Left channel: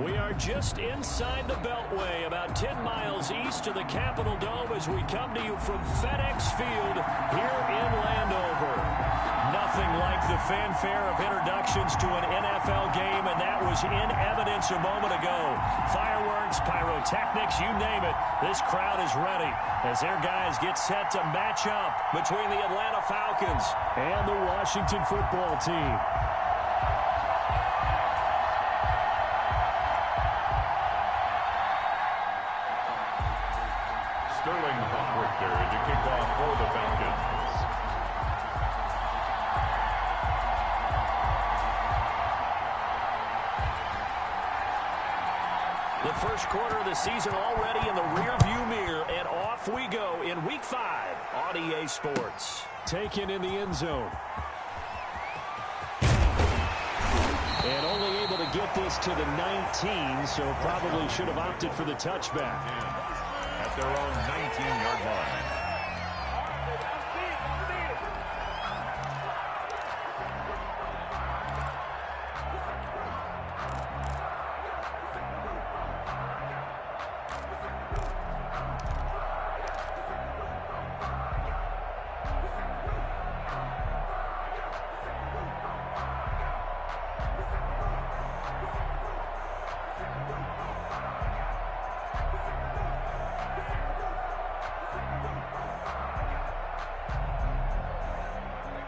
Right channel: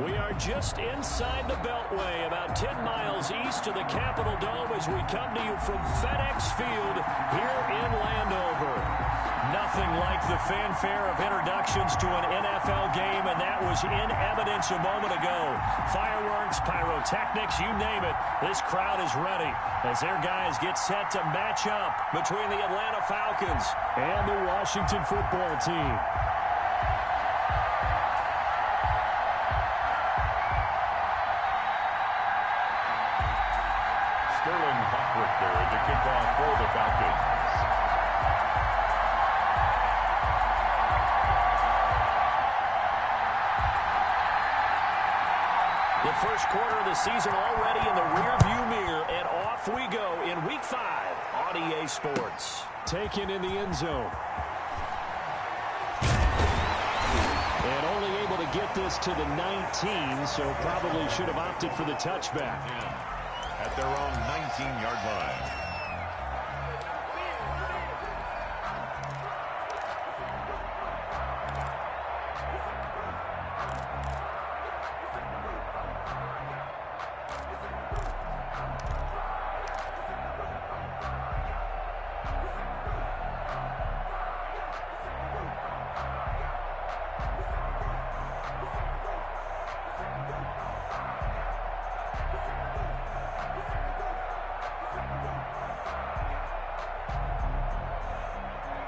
We are just inside the Beltway, about 10 miles east of the Capitol Dome as we come to you from FedEx Field here in Landover. Nothing like the fanfare of introductions to an NFL game, and that was in evidence a moment ago. Fireworks, pyrotechnics, you name it. This crowd is ready as their guys get set to match up between the Atlanta Falcons and the Washington football team. Sterling Hoffrichter to kick off for the Falcons. The first quarter of the season already in the rearview mirror, and off we go in Week 5 on EA Sports. Taken in the end zone. And only able to get this to the 19, so probably should have opted for the touchback. At their own 19-yard line.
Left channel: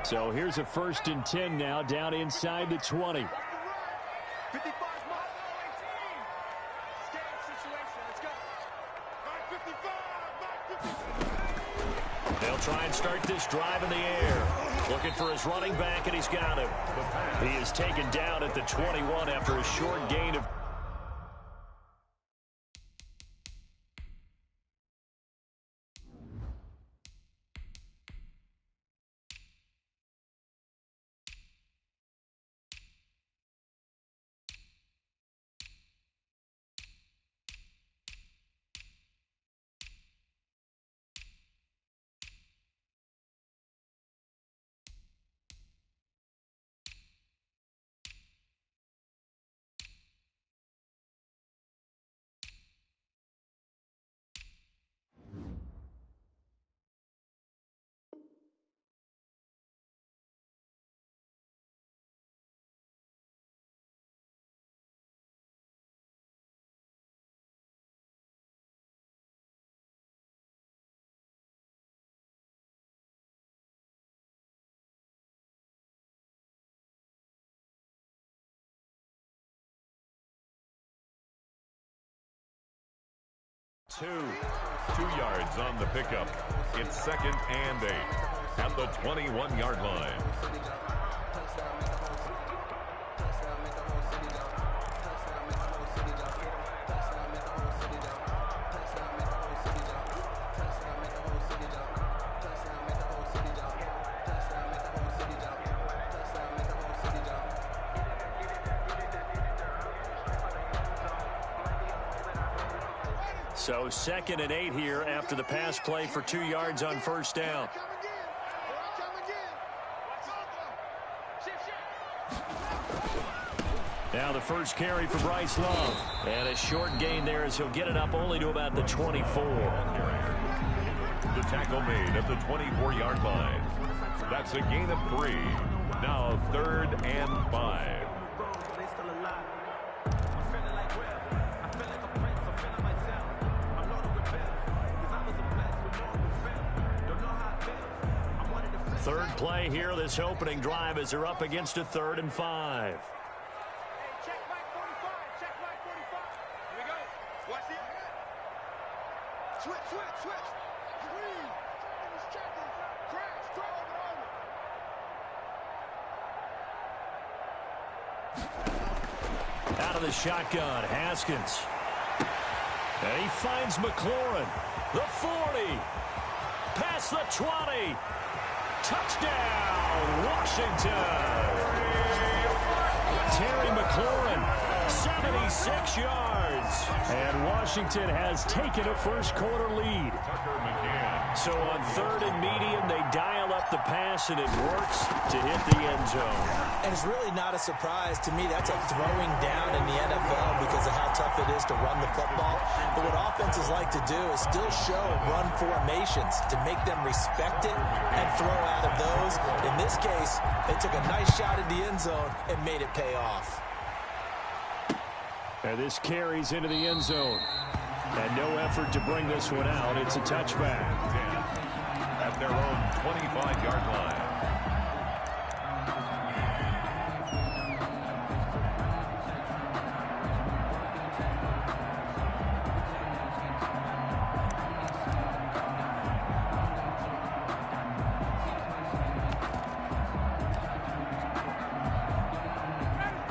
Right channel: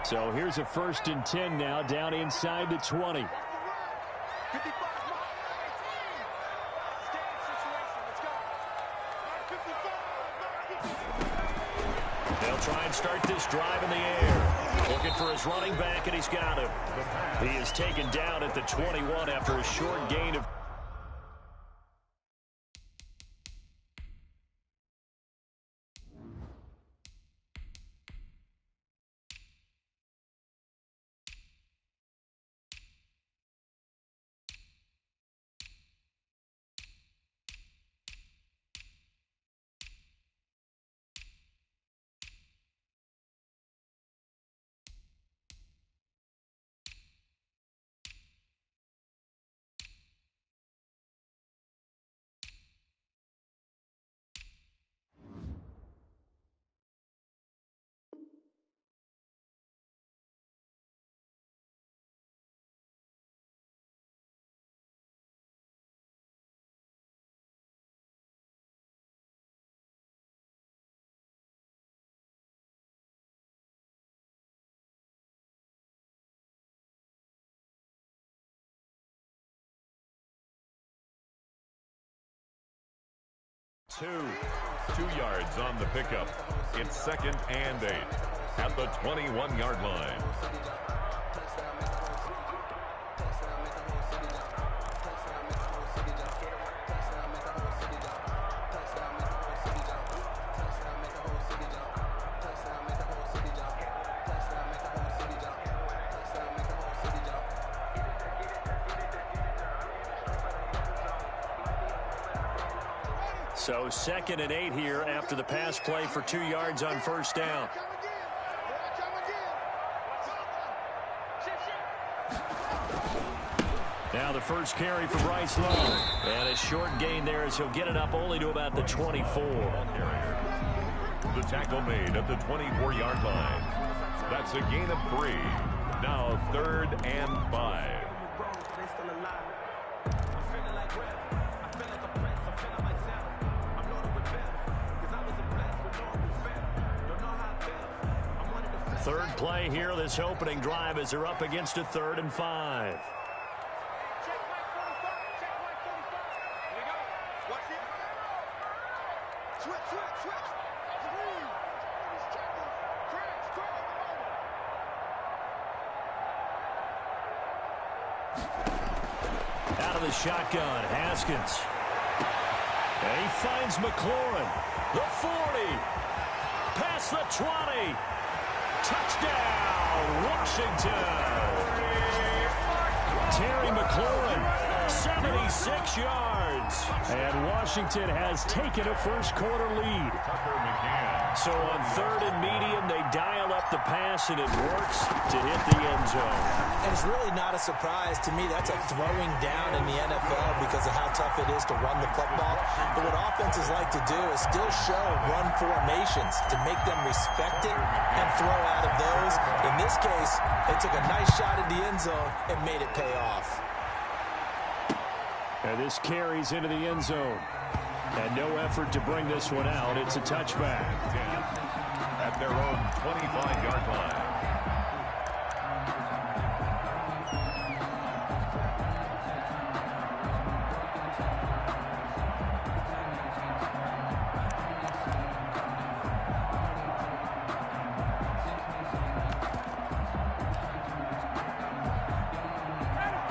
So here's a 1st and 10 now, down inside the 20. They'll try and start this drive in the air. Looking for his running back, and he's got him. He is taken down at the 21 after a short gain of... Two yards on the pickup. It's 2nd and 8 at the 21-yard line. So 2nd and 8 here after the pass play for 2 yards on 1st down. Now the first carry for Bryce Love. And a short gain there as he'll get it up only to about the 24. The tackle made at the 24-yard line. That's a gain of 3. Now 3rd and 5. Third play here, this opening drive as they're up against a 3rd and 5. Check Mike 45. Check Mike 45. Here we go. Watch it. Switch. Green. Checkers. Crash. Out of the shotgun, Haskins. And he finds McLaurin. The 40. Past the 20. Touchdown, Washington. Terry McLaurin, 76 yards. And Washington has taken a first-quarter lead. So on 3rd and medium, they dial up the pass, and it works to hit the end zone. And it's really not a surprise to me. That's a throwing down in the NFL because of how tough it is to run the football. But what offenses like to do is still show run formations to make them respect it and throw out of those. In this case, they took a nice shot at the end zone and made it pay off. And this carries into the end zone. And no effort to bring this one out. It's a touchback. At their own 25-yard line.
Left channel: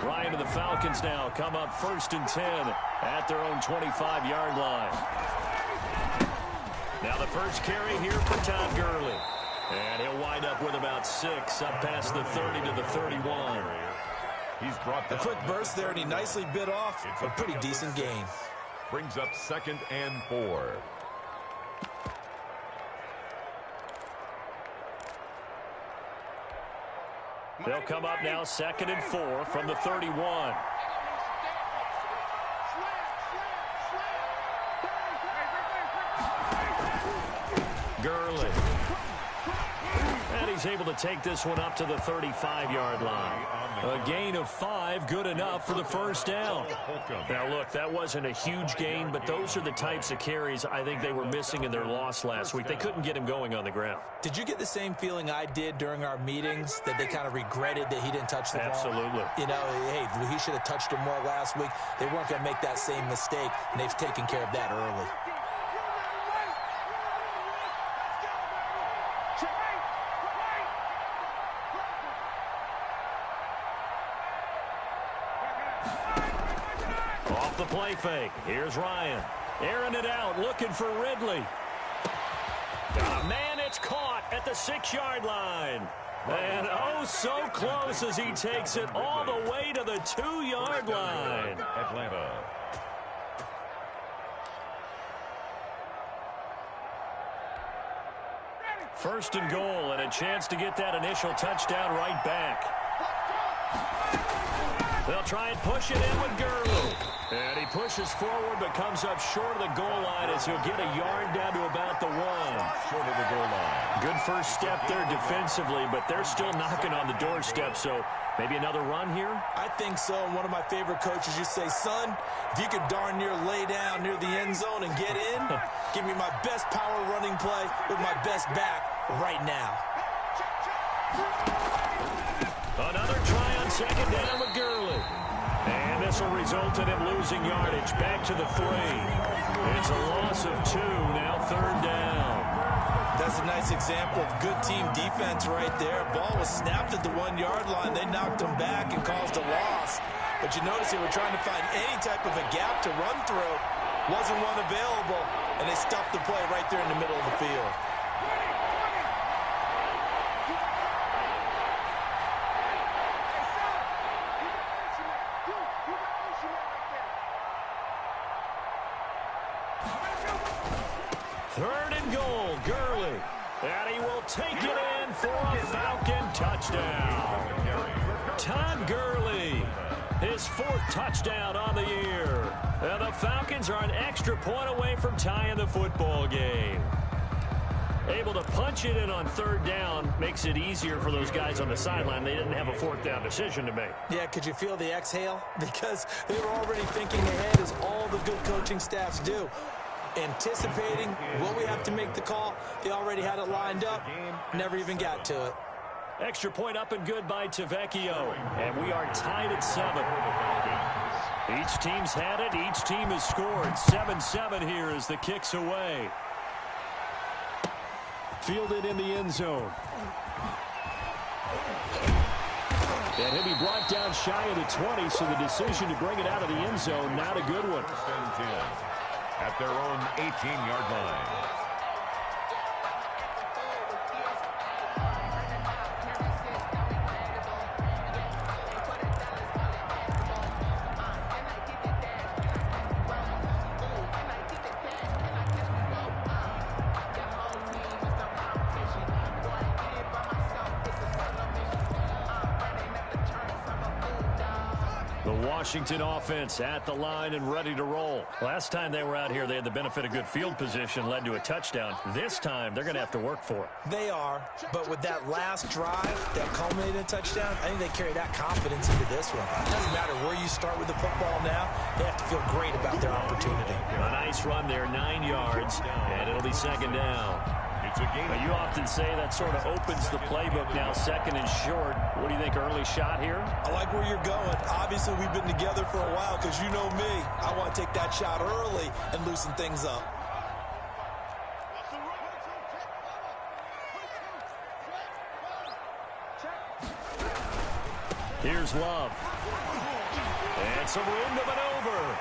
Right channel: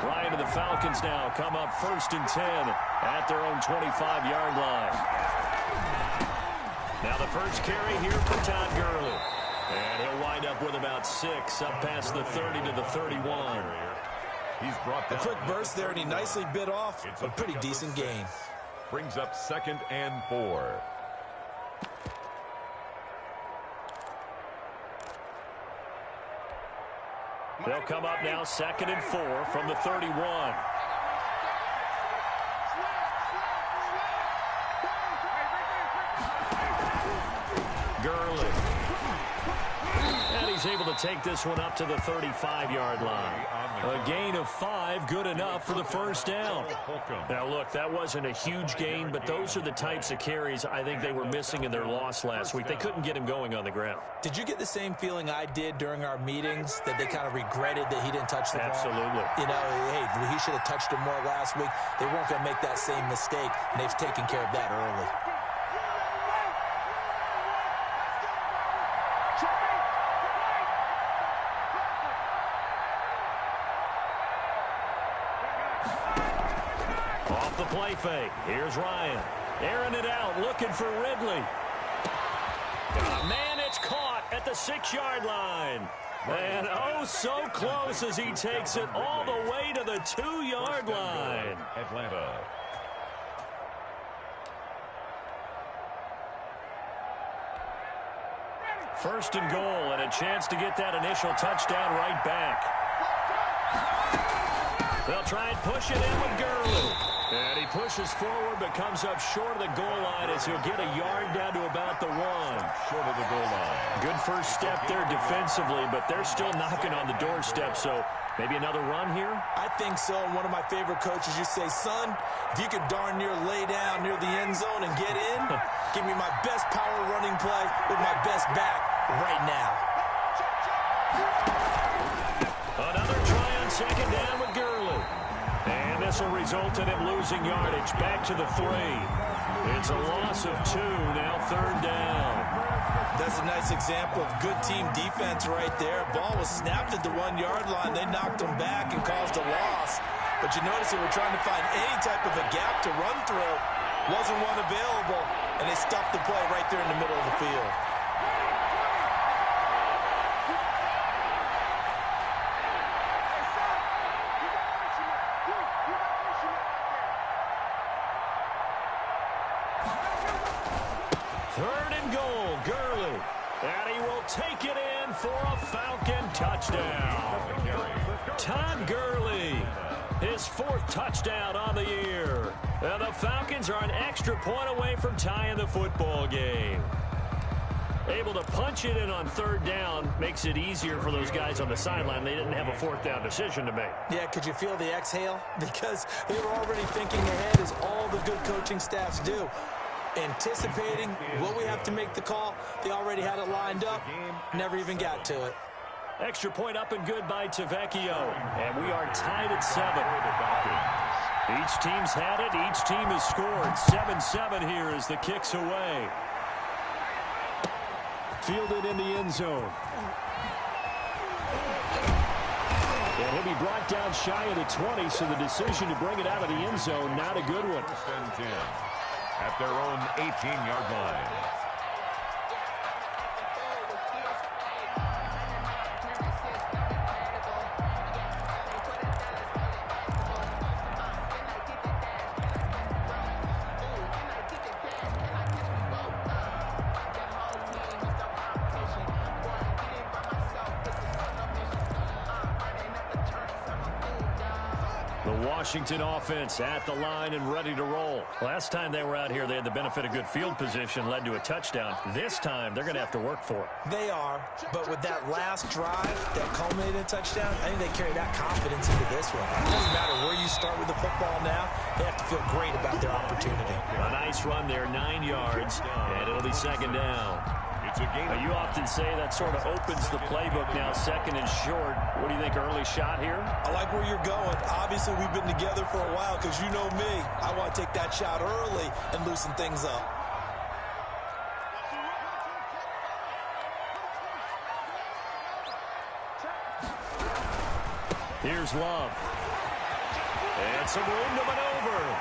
Ryan and the Falcons now come up 1st and 10 at their own 25-yard line. Now the first carry here for Todd Gurley. And he'll wind up with about 6 up past the 30 to the 31. He's brought down a quick burst there, and he nicely bit off a pretty decent gain. Brings up 2nd and 4. They'll come up now 2nd and 4 from the 31. Gurley. And he's able to take this one up to the 35-yard line. A gain of 5, good enough for the first down. Now, look, that wasn't a huge gain, but those are the types of carries I think they were missing in their loss last week. They couldn't get him going on the ground. Did you get the same feeling I did during our meetings, that they kind of regretted that he didn't touch the ball? Absolutely. You know, hey, he should have touched it more last week. They weren't going to make that same mistake, and they've taken care of that early. Off the play fake. Here's Ryan. Airing it out, looking for Ridley. Man, it's caught at the 6-yard line. And oh, so close as he takes it all the way to the 2-yard line. Atlanta. First and goal, and a chance to get that initial touchdown right back. They'll try and push it in with Gurley. And he pushes forward but comes up short of the goal line as he'll get a yard down to about the 1. Short of the goal line. Good first step there defensively, but they're still knocking on the doorstep, so maybe another run here? I think so. And one of my favorite coaches, you say, son, if you could darn near lay down near the end zone and get in, give me my best power running play with my best back right now. Another try on 2nd down with Gurley. And this will result in him losing yardage back to the 3. It's a loss of 2, now 3rd down. That's a nice example of good team defense right there. Ball was snapped at the 1-yard line. They knocked him back and caused a loss. But you notice they were trying to find any type of a gap to run through. Wasn't one available, and they stuffed the play right there in the middle of the field. Third and goal, Gurley. And he will take it in for a Falcon touchdown. Todd Gurley, his 4th touchdown on the year. And the Falcons are an extra point away from tying the football game. Able to punch it in on 3rd down makes it easier for those guys on the sideline. They didn't have a 4th down decision to make. Yeah, could you feel the exhale? Because they were already thinking ahead, as all the good coaching staffs do. Anticipating, will we have to make the call? They already had it lined up, never even got to it. Extra point up and good by Tavecchio. And we are tied at 7. Each team's had it. Each team has scored. 7-7 here as the kick's away. Fielded in the end zone. And he'll be brought down shy of the 20, so the decision to bring it out of the end zone, not a good one. 10 at their own 18-yard line. Washington offense at the line and ready to roll. Last time they were out here, they had the benefit of good field position, led to a touchdown. This time, they're going to have to work for it. They are, but with that last drive that culminated in a touchdown, I think they carry that confidence into this one. It doesn't matter where you start with the football now. They have to feel great about their opportunity. A nice run there, 9 yards, and it'll be second down. Now, you often say that sort of opens the playbook now, second and short. What do you think, early shot here? I like where you're going. Obviously, we've been together for a while because you know me. I want to take that shot early and loosen things up. Here's Love. And some room to maneuver.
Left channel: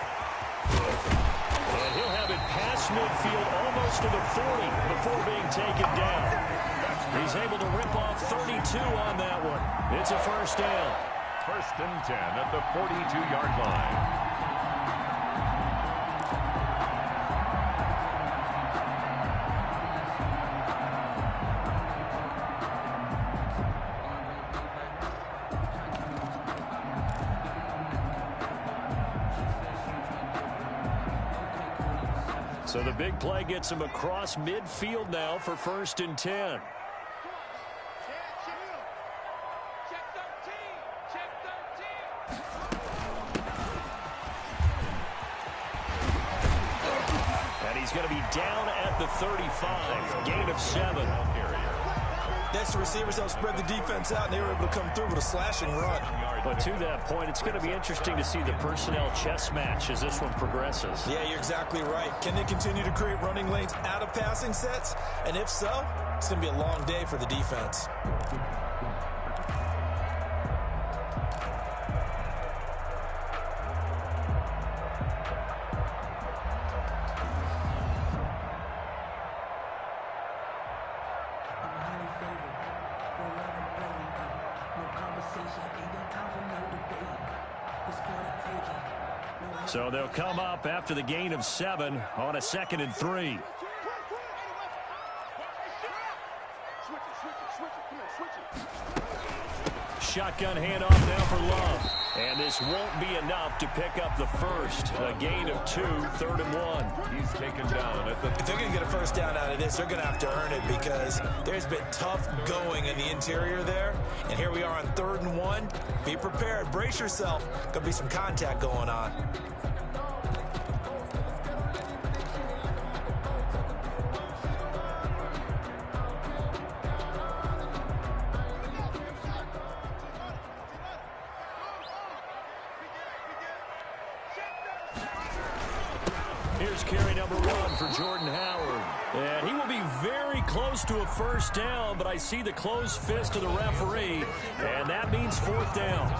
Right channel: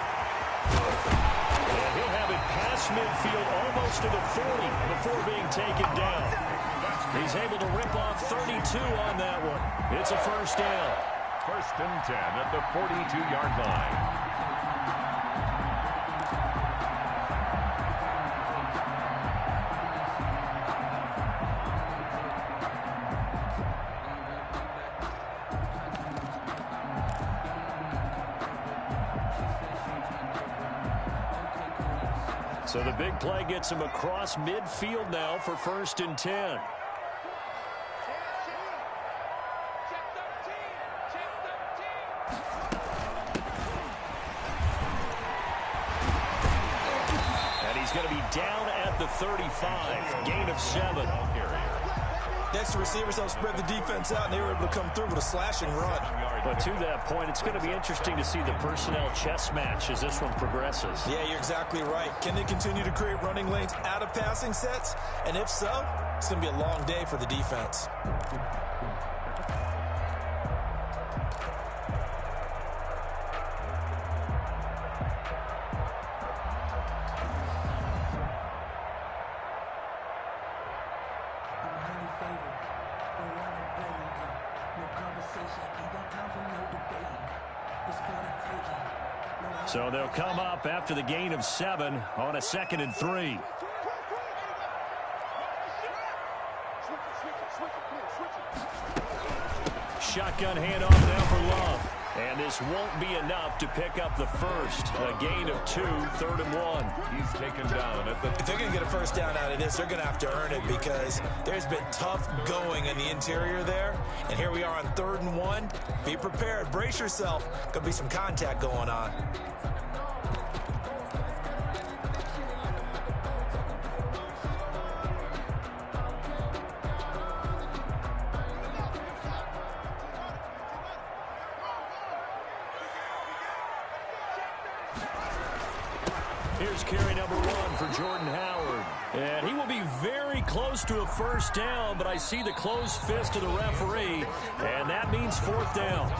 And he'll have it past midfield almost to the 40 before being taken down. He's able to rip off 32 on that one. It's a first down. 1st and 10 at the 42-yard line. So the big play gets him across midfield now for 1st and 10. And he's going to be down at the 35. Gain of 7. Next, the receivers helped spread the defense out, and they were able to come through with a slashing run. But to that point, it's going to be interesting to see the personnel chess match as this one progresses. Yeah, you're exactly right. Can they continue to create running lanes out of passing sets? And if so, it's going to be a long day for the defense. So they'll come up after the gain of 7 on a 2nd and 3. Shotgun handoff now for Love. And this won't be enough to pick up the first. A gain of 2, 3rd and 1. He's taken down at the... If they're going to get a first down out of this, they're going to have to earn it because there's been tough going in the interior there. And here we are on 3rd and 1. Be prepared. Brace yourself. Going to be some contact going on. Here's carry number 1 for Jordan Howard. And he will be very close to a first down, but I see the closed fist of the referee, and that means 4th down.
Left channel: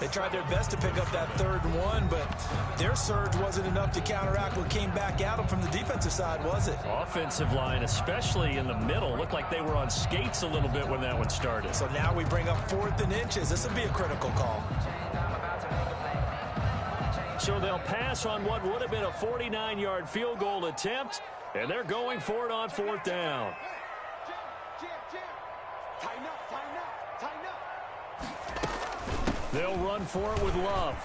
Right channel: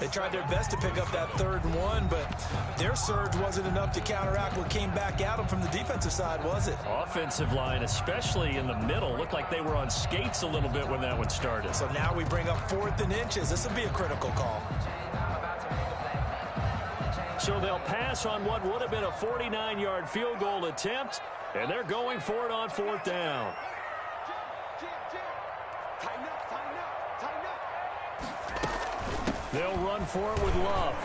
They tried their best to pick up that 3rd and 1, but their surge wasn't enough to counteract what came back at them from the defensive side, was it? Offensive line, especially in the middle, looked like they were on skates a little bit when that one started. So now we bring up 4th and inches. This will be a critical call. So they'll pass on what would have been a 49-yard field goal attempt, and they're going for it on 4th down. They'll run for it with Love.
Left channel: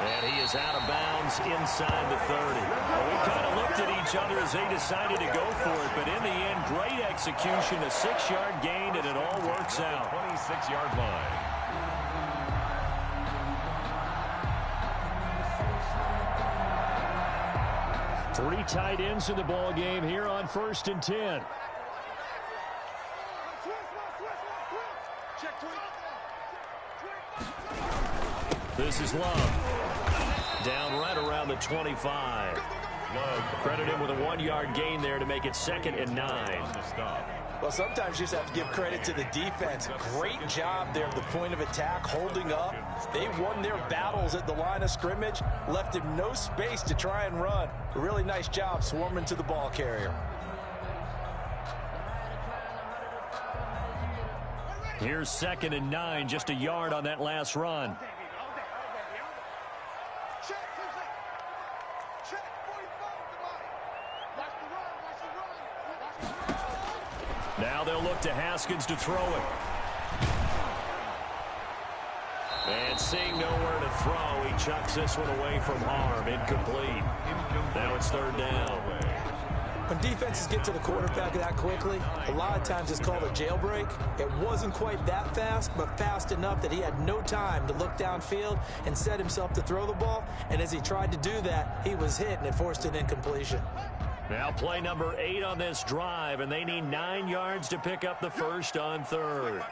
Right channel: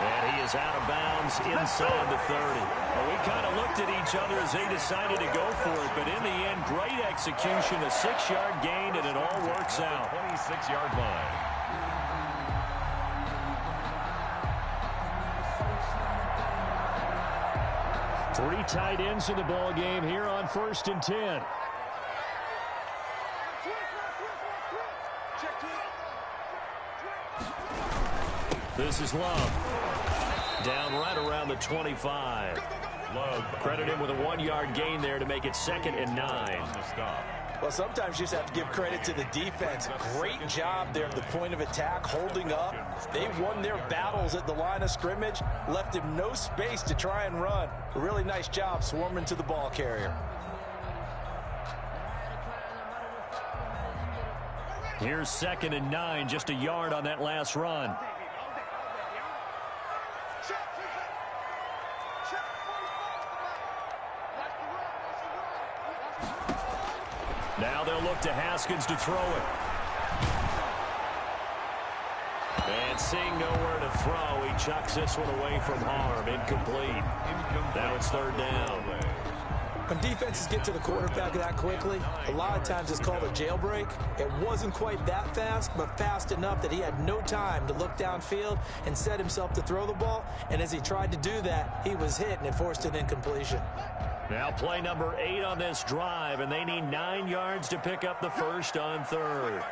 And he is out of bounds inside the 30. Well, we kind of looked at each other as they decided to go for it, but in the end, great execution, a 6-yard gain, and it all works out. 26-yard line. Three tight ends in the ball game here on 1st and 10. This is Love. Down right around the 25. Love credit him with a 1-yard gain there to make it 2nd and 9. On the stop. Well, sometimes you just have to give credit to the defense. Great job there at the point of attack, holding up. They won their battles at the line of scrimmage, left him no space to try and run. A really nice job swarming to the ball carrier. Here's 2nd and 9, just a yard on that last run. Now they'll look to Haskins to throw it. And seeing nowhere to throw, he chucks this one away from harm. Incomplete. Now it's third down. When defenses get to the quarterback that quickly, a lot of times it's called a jailbreak. It wasn't quite that fast, but fast enough that he had no time to look downfield and set himself to throw the ball. And as he tried to do that, he was hit, and it forced an incompletion. Now play number 8 on this drive, and they need 9 yards to pick up the first on third.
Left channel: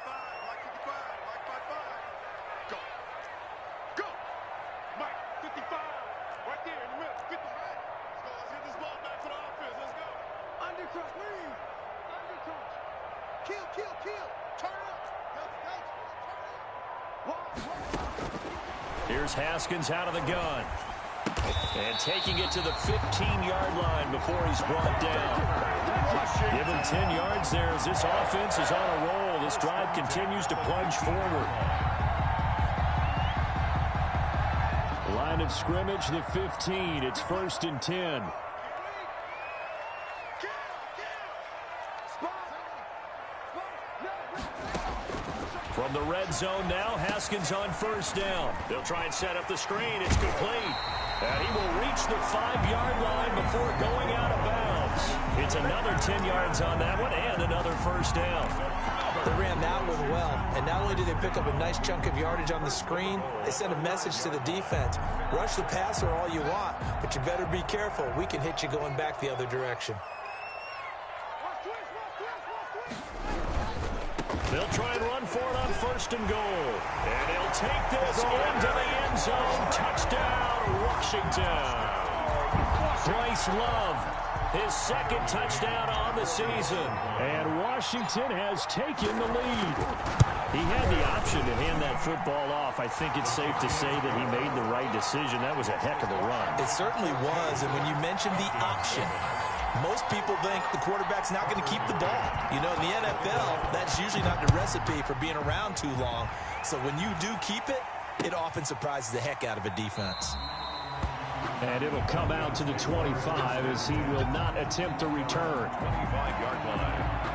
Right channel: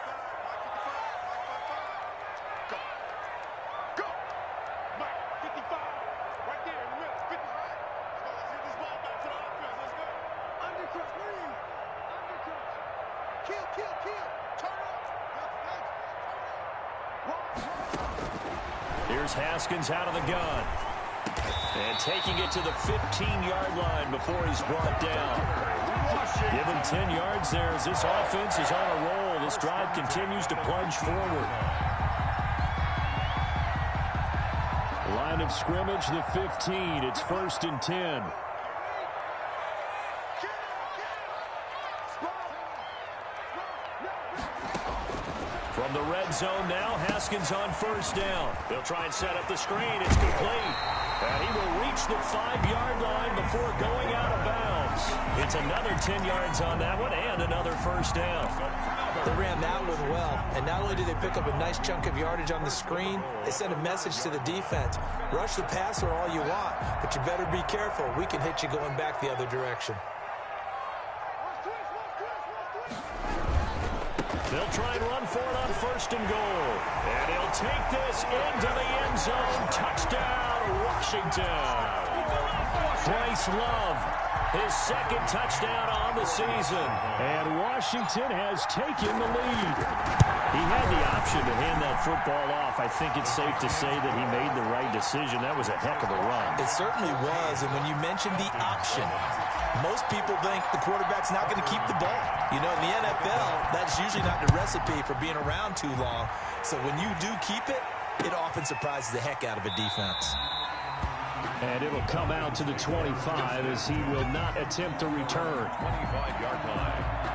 Here's Haskins out of the gun. And taking it to the 15-yard line before he's brought down. Give him 10 yards there as this offense is on a roll. This drive continues to plunge forward. Line of scrimmage, the 15. It's 1st and 10. From the red zone now, Haskins on 1st down. They'll try and set up the screen. It's complete. And he will reach the 5-yard line before going out of bounds. It's another 10 yards on that one and another 1st down. They ran that one well. And not only did they pick up a nice chunk of yardage on the screen, they sent a message to the defense. Rush the passer all you want, but you better be careful. We can hit you going back the other direction. They'll try and run for it on 1st and goal. And he'll take this into the end zone. Touchdown, Washington. Bryce Love, his 2nd touchdown on the season. And Washington has taken the lead. He had the option to hand that football off. I think it's safe to say that he made the right decision. That was a heck of a run. It certainly was. And when you mentioned the option, most people think the quarterback's not going to keep the ball. You know, in the NFL, that's usually not the recipe for being around too long. So when you do keep it, it often surprises the heck out of a defense. And it'll come out to the 25 as he will not attempt to return. 25-yard line.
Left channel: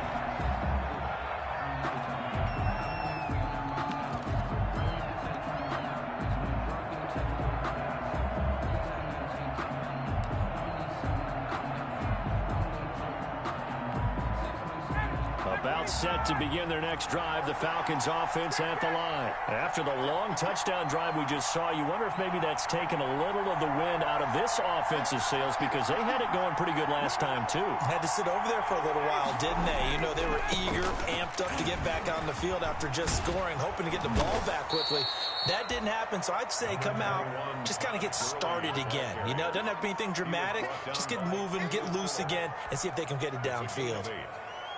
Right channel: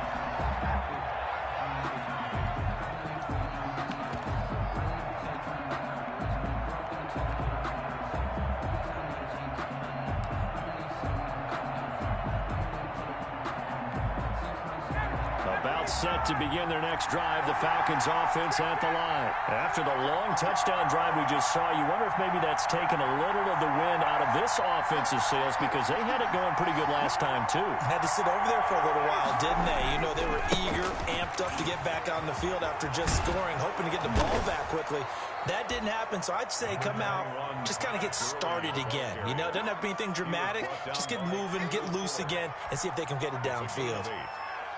About set to begin their next drive, the Falcons offense at the line. After the long touchdown drive we just saw, you wonder if maybe that's taken a little of the wind out of this offensive sails because they had it going pretty good last time too. Had to sit over there for a little while, didn't they? You know, they were eager, amped up to get back on the field after just scoring, hoping to get the ball back quickly. That didn't happen, so I'd say come out, just kind of get started again. You know, it doesn't have to be anything dramatic. Just get moving, get loose again, and see if they can get it downfield.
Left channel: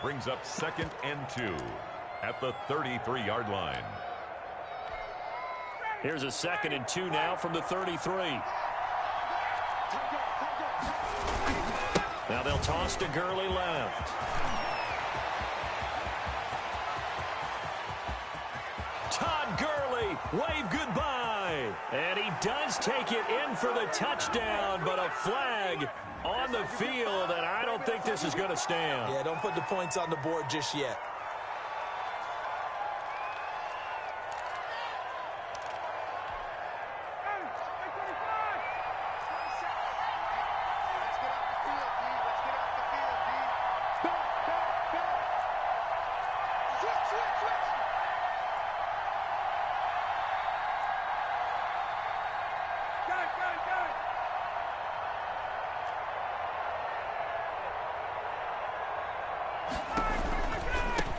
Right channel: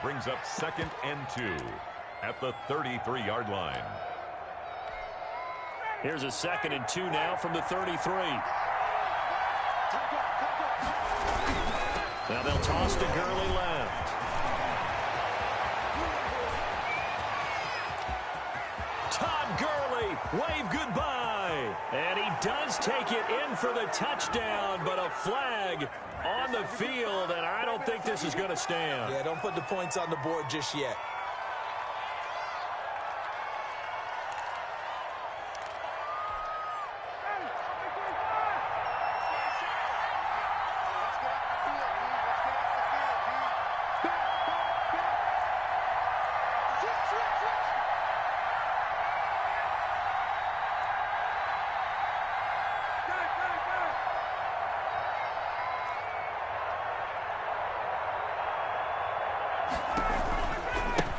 Brings up 2nd and 2 at the 33-yard line. Here's a 2nd and 2 now from the 33. Now they'll toss to Gurley left. Todd Gurley, wave goodbye. And he does take it in for the touchdown, but a flag on the field, and I don't think this is going to stand. Yeah, don't put the points on the board just yet.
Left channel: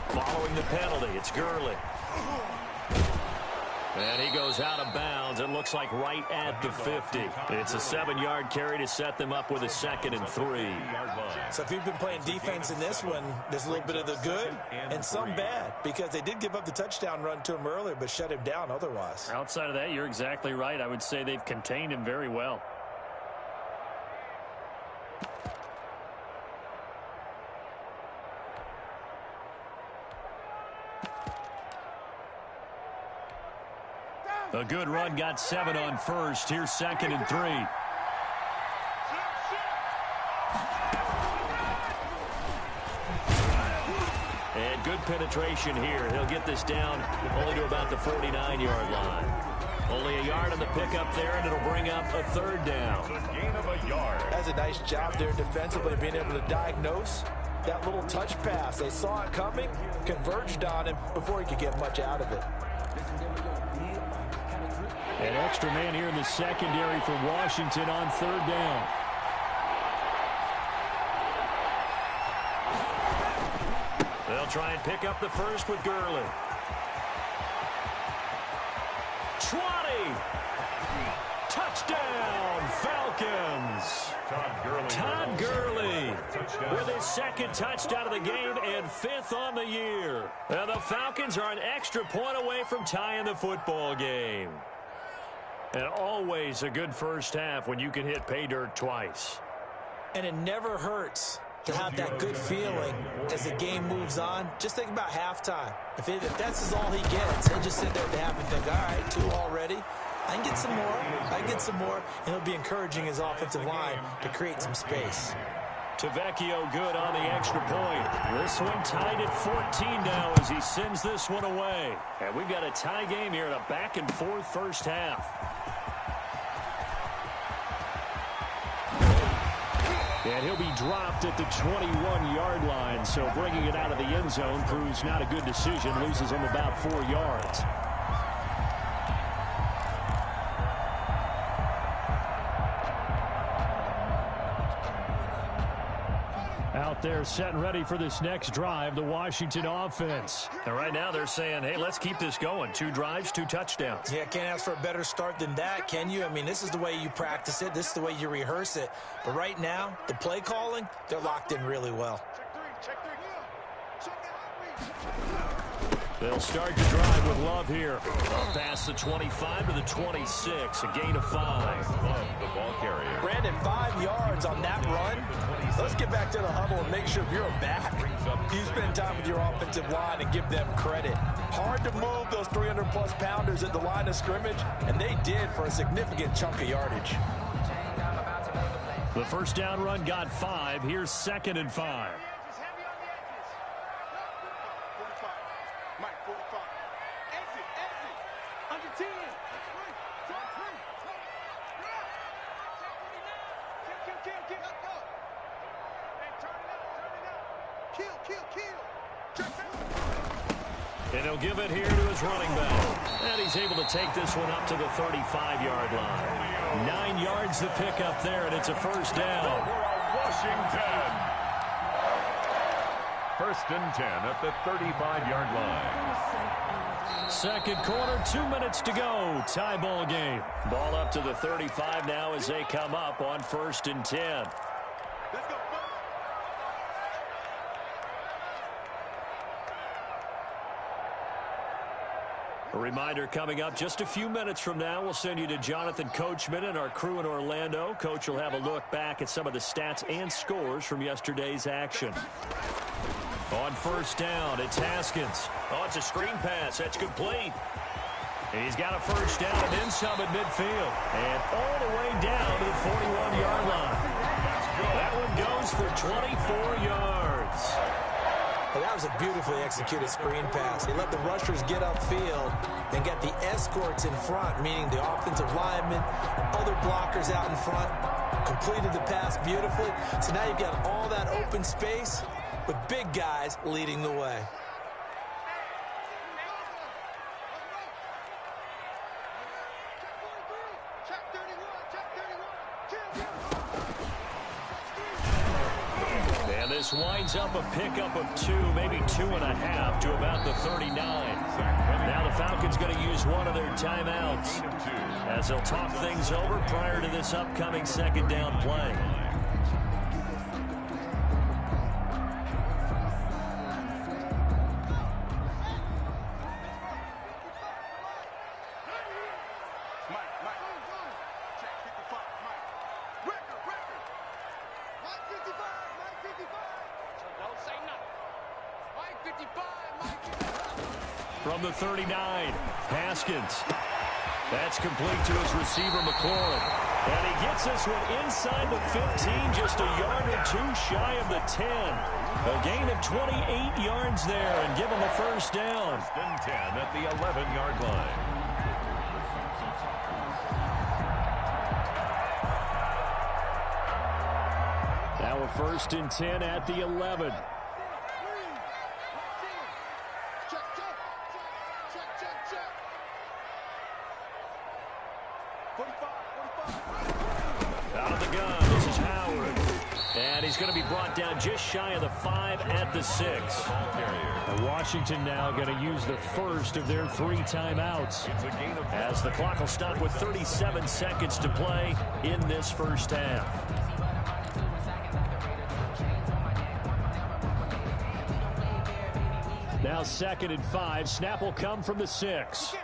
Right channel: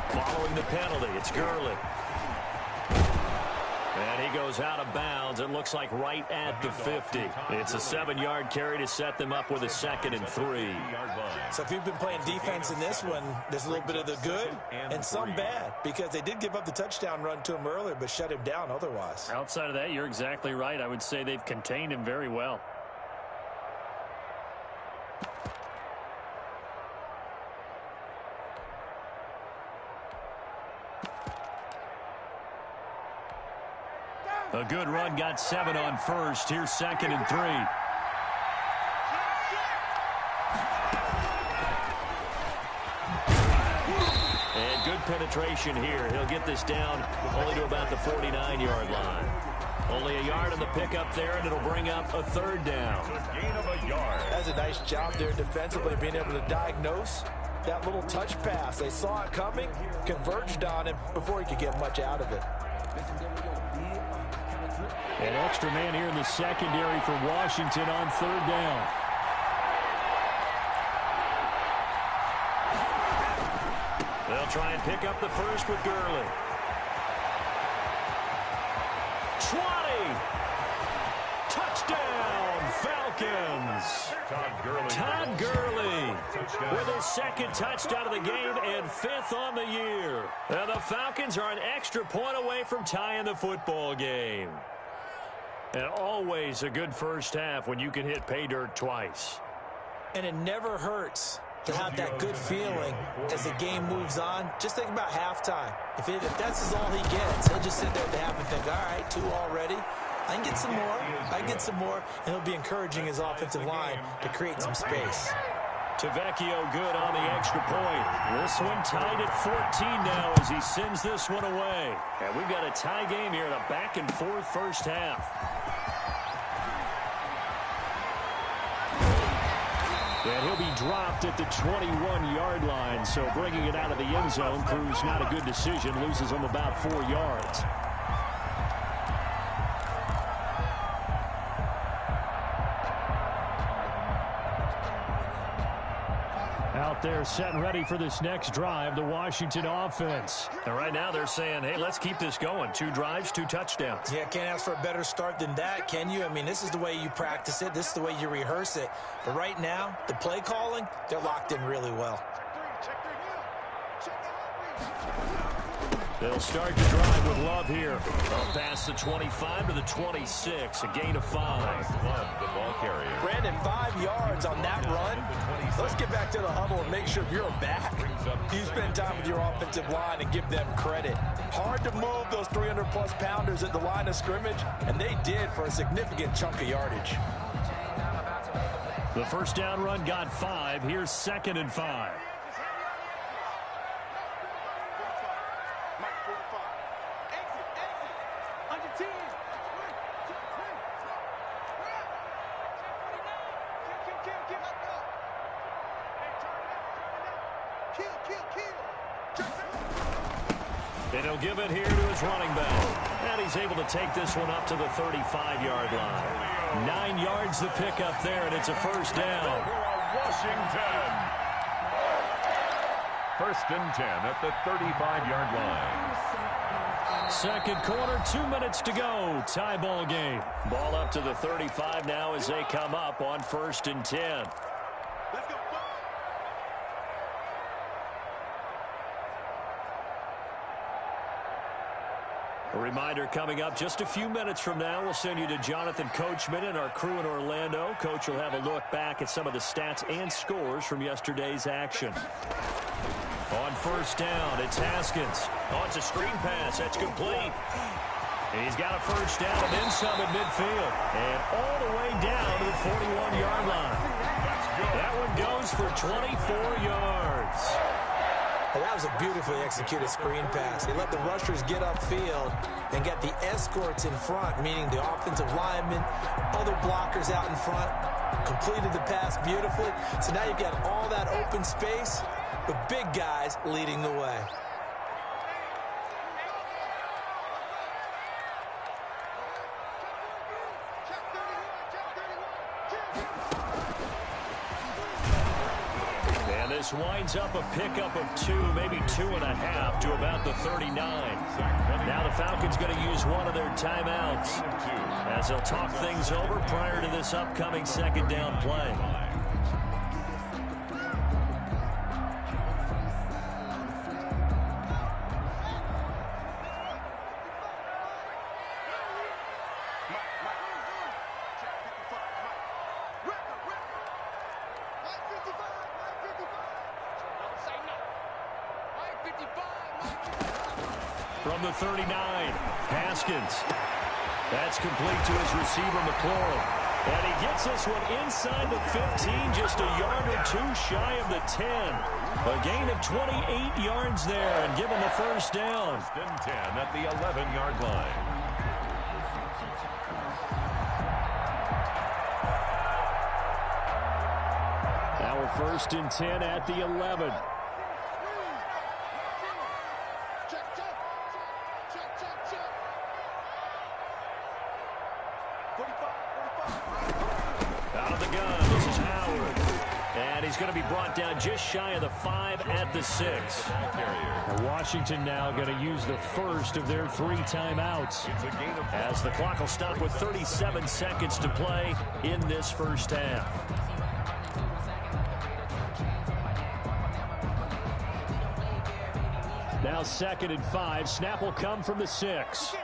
Following the penalty, it's Gurley. And he goes out of bounds. It looks like right at the 50. It's a 7-yard carry to set them up with a 2nd and 3. So if you've been playing defense in this one, there's a little bit of the good and some bad because they did give up the touchdown run to him earlier but shut him down otherwise. Outside of that, you're exactly right. I would say they've contained him very well. A good run, got 7 on 1st. Here's 2nd and 3. And good penetration here. He'll get this down only to about the 49-yard line. Only a yard on the pickup there, and it'll bring up a third down. A gain of a yard. That's a nice job there defensively, being able to diagnose that little touch pass. They saw it coming, converged on him before he could get much out of it. An extra man here in the secondary for Washington on third down. They'll try and pick up the first with Gurley. 20. Touchdown, Falcons. Todd Gurley with his second touchdown of the game and fifth on the year. And the Falcons are an extra point away from tying the football game. And always a good first half when you can hit pay dirt twice. And it never hurts to have that good feeling as the game moves on. Just think about halftime. If that's all he gets, he'll just sit there at the half and think, all right, 2 already. I can get some more. I can get some more. And he'll be encouraging his offensive line to create some space. Tavecchio good on the extra point. This one tied at 14 now as he sends this one away. And we've got a tie game here in a back-and-forth first half. And he'll be dropped at the 21-yard line, so bringing it out of the end zone proves not a good decision, loses him about 4 yards. Out there set and ready for this next drive, the Washington offense. And right now they're saying, hey, let's keep this going. 2 drives, 2 touchdowns. Yeah, can't ask for a better start than that, can you? I mean, this is the way you practice it. This is the way you rehearse it. But right now, the play calling, they're locked in really well. They'll start the drive with Love here. Up past the 25 to the 26, a gain of 5. Love the ball carrier. Brandon, 5 yards on that run. Let's get back to the huddle and make sure if you're a back, you spend time with your offensive line and give them credit. Hard to move those 300-plus pounders at the line of scrimmage, and they did for a significant chunk of yardage. The first down run got 5. Here's 2nd and 5. And he'll give it here to his running back. And he's able to take this one up to the 35-yard line. 9 yards to pick up there, and it's a first down. Washington. 1st and 10 at the 35-yard line. Second quarter, 2 minutes to go. Tie ball game. Ball up to the 35 now as they come up on 1st and 10. Let's go. A reminder coming up just a few minutes from now, we'll send you to Jonathan Coachman and our crew in Orlando. Coach will have a look back at some of the stats and scores from yesterday's action. On 1st down, it's Haskins. Oh, it's a screen pass. That's complete. And he's got a first down and then some at midfield. And all the way down to the 41-yard line. That one goes for 24 yards. And that was a beautifully executed screen pass. He let the rushers get upfield and got the escorts in front, meaning the offensive linemen, other blockers out in front, completed the pass beautifully. So now you've got all that open space with big guys leading the way. And this winds up a pickup of 2, maybe 2.5 to about the 39. Now the Falcons going to use one of their timeouts as they'll talk things over prior to this upcoming 2nd down play. From the 39, Haskins. That's complete to his receiver, McLaurin. And he gets this one inside the 15, just a yard or two shy of the 10. A gain of 28 yards there and give him a first down. First and 10 at the 11-yard line. Now a first and 10 at the 11. Out of the gun, this is Howard. And he's going to be brought down just shy of the 5 at the 6. And Washington now going to use the first of their 3 timeouts, as the clock will stop with 37 seconds to play in this first half. Now 2nd and 5. Snap will come from the 6.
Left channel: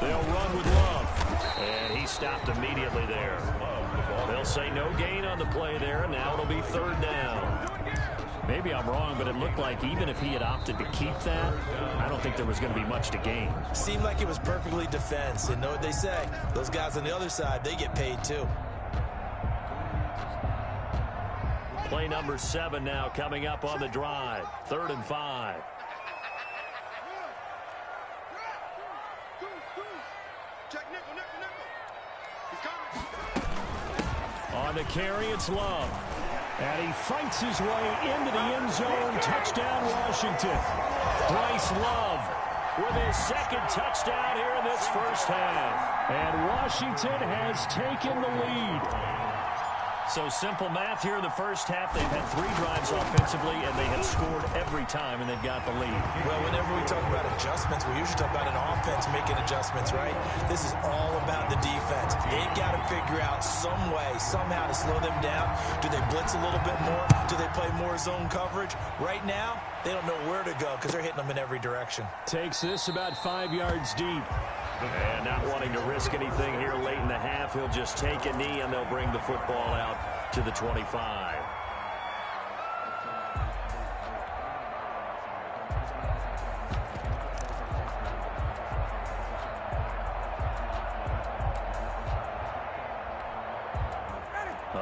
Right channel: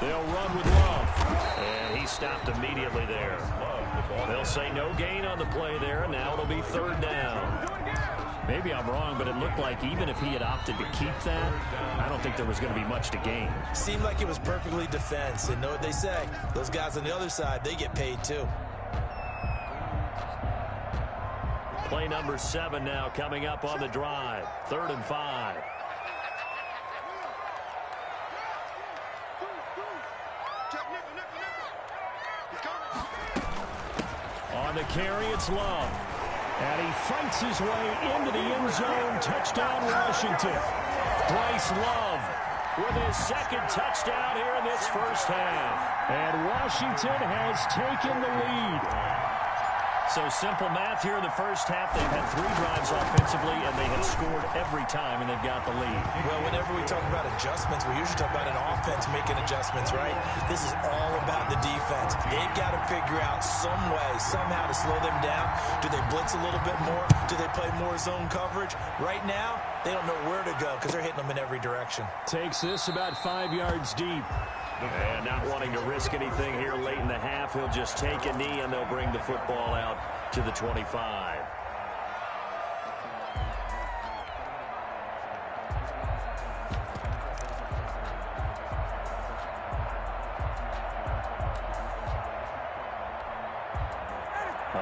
They'll run with Love. And he stopped immediately there. They'll say no gain on the play there, and now it'll be 3rd down. Maybe I'm wrong, but it looked like even if he had opted to keep that, I don't think there was going to be much to gain. Seemed like it was perfectly defense. And know what they say? Those guys on the other side, they get paid too. Play number 7 now coming up on the drive. 3rd and 5. On the carry, it's Love. And he fights his way into the end zone. Touchdown, Washington. Bryce Love with his 2nd touchdown here in this first half. And Washington has taken the lead. So simple math here in the first half. They've had 3 drives offensively, and they have scored every time, and they've got the lead. Well, whenever we talk about adjustments, we usually talk about an offense making adjustments, right? This is all about the defense. They've got to figure out some way, somehow to slow them down. Do they blitz a little bit more? Do they play more zone coverage? Right now, they don't know where to go because they're hitting them in every direction. Takes this about 5 yards deep. And not wanting to risk anything here late in the half, he'll just take a knee, and they'll bring the football out to the 25.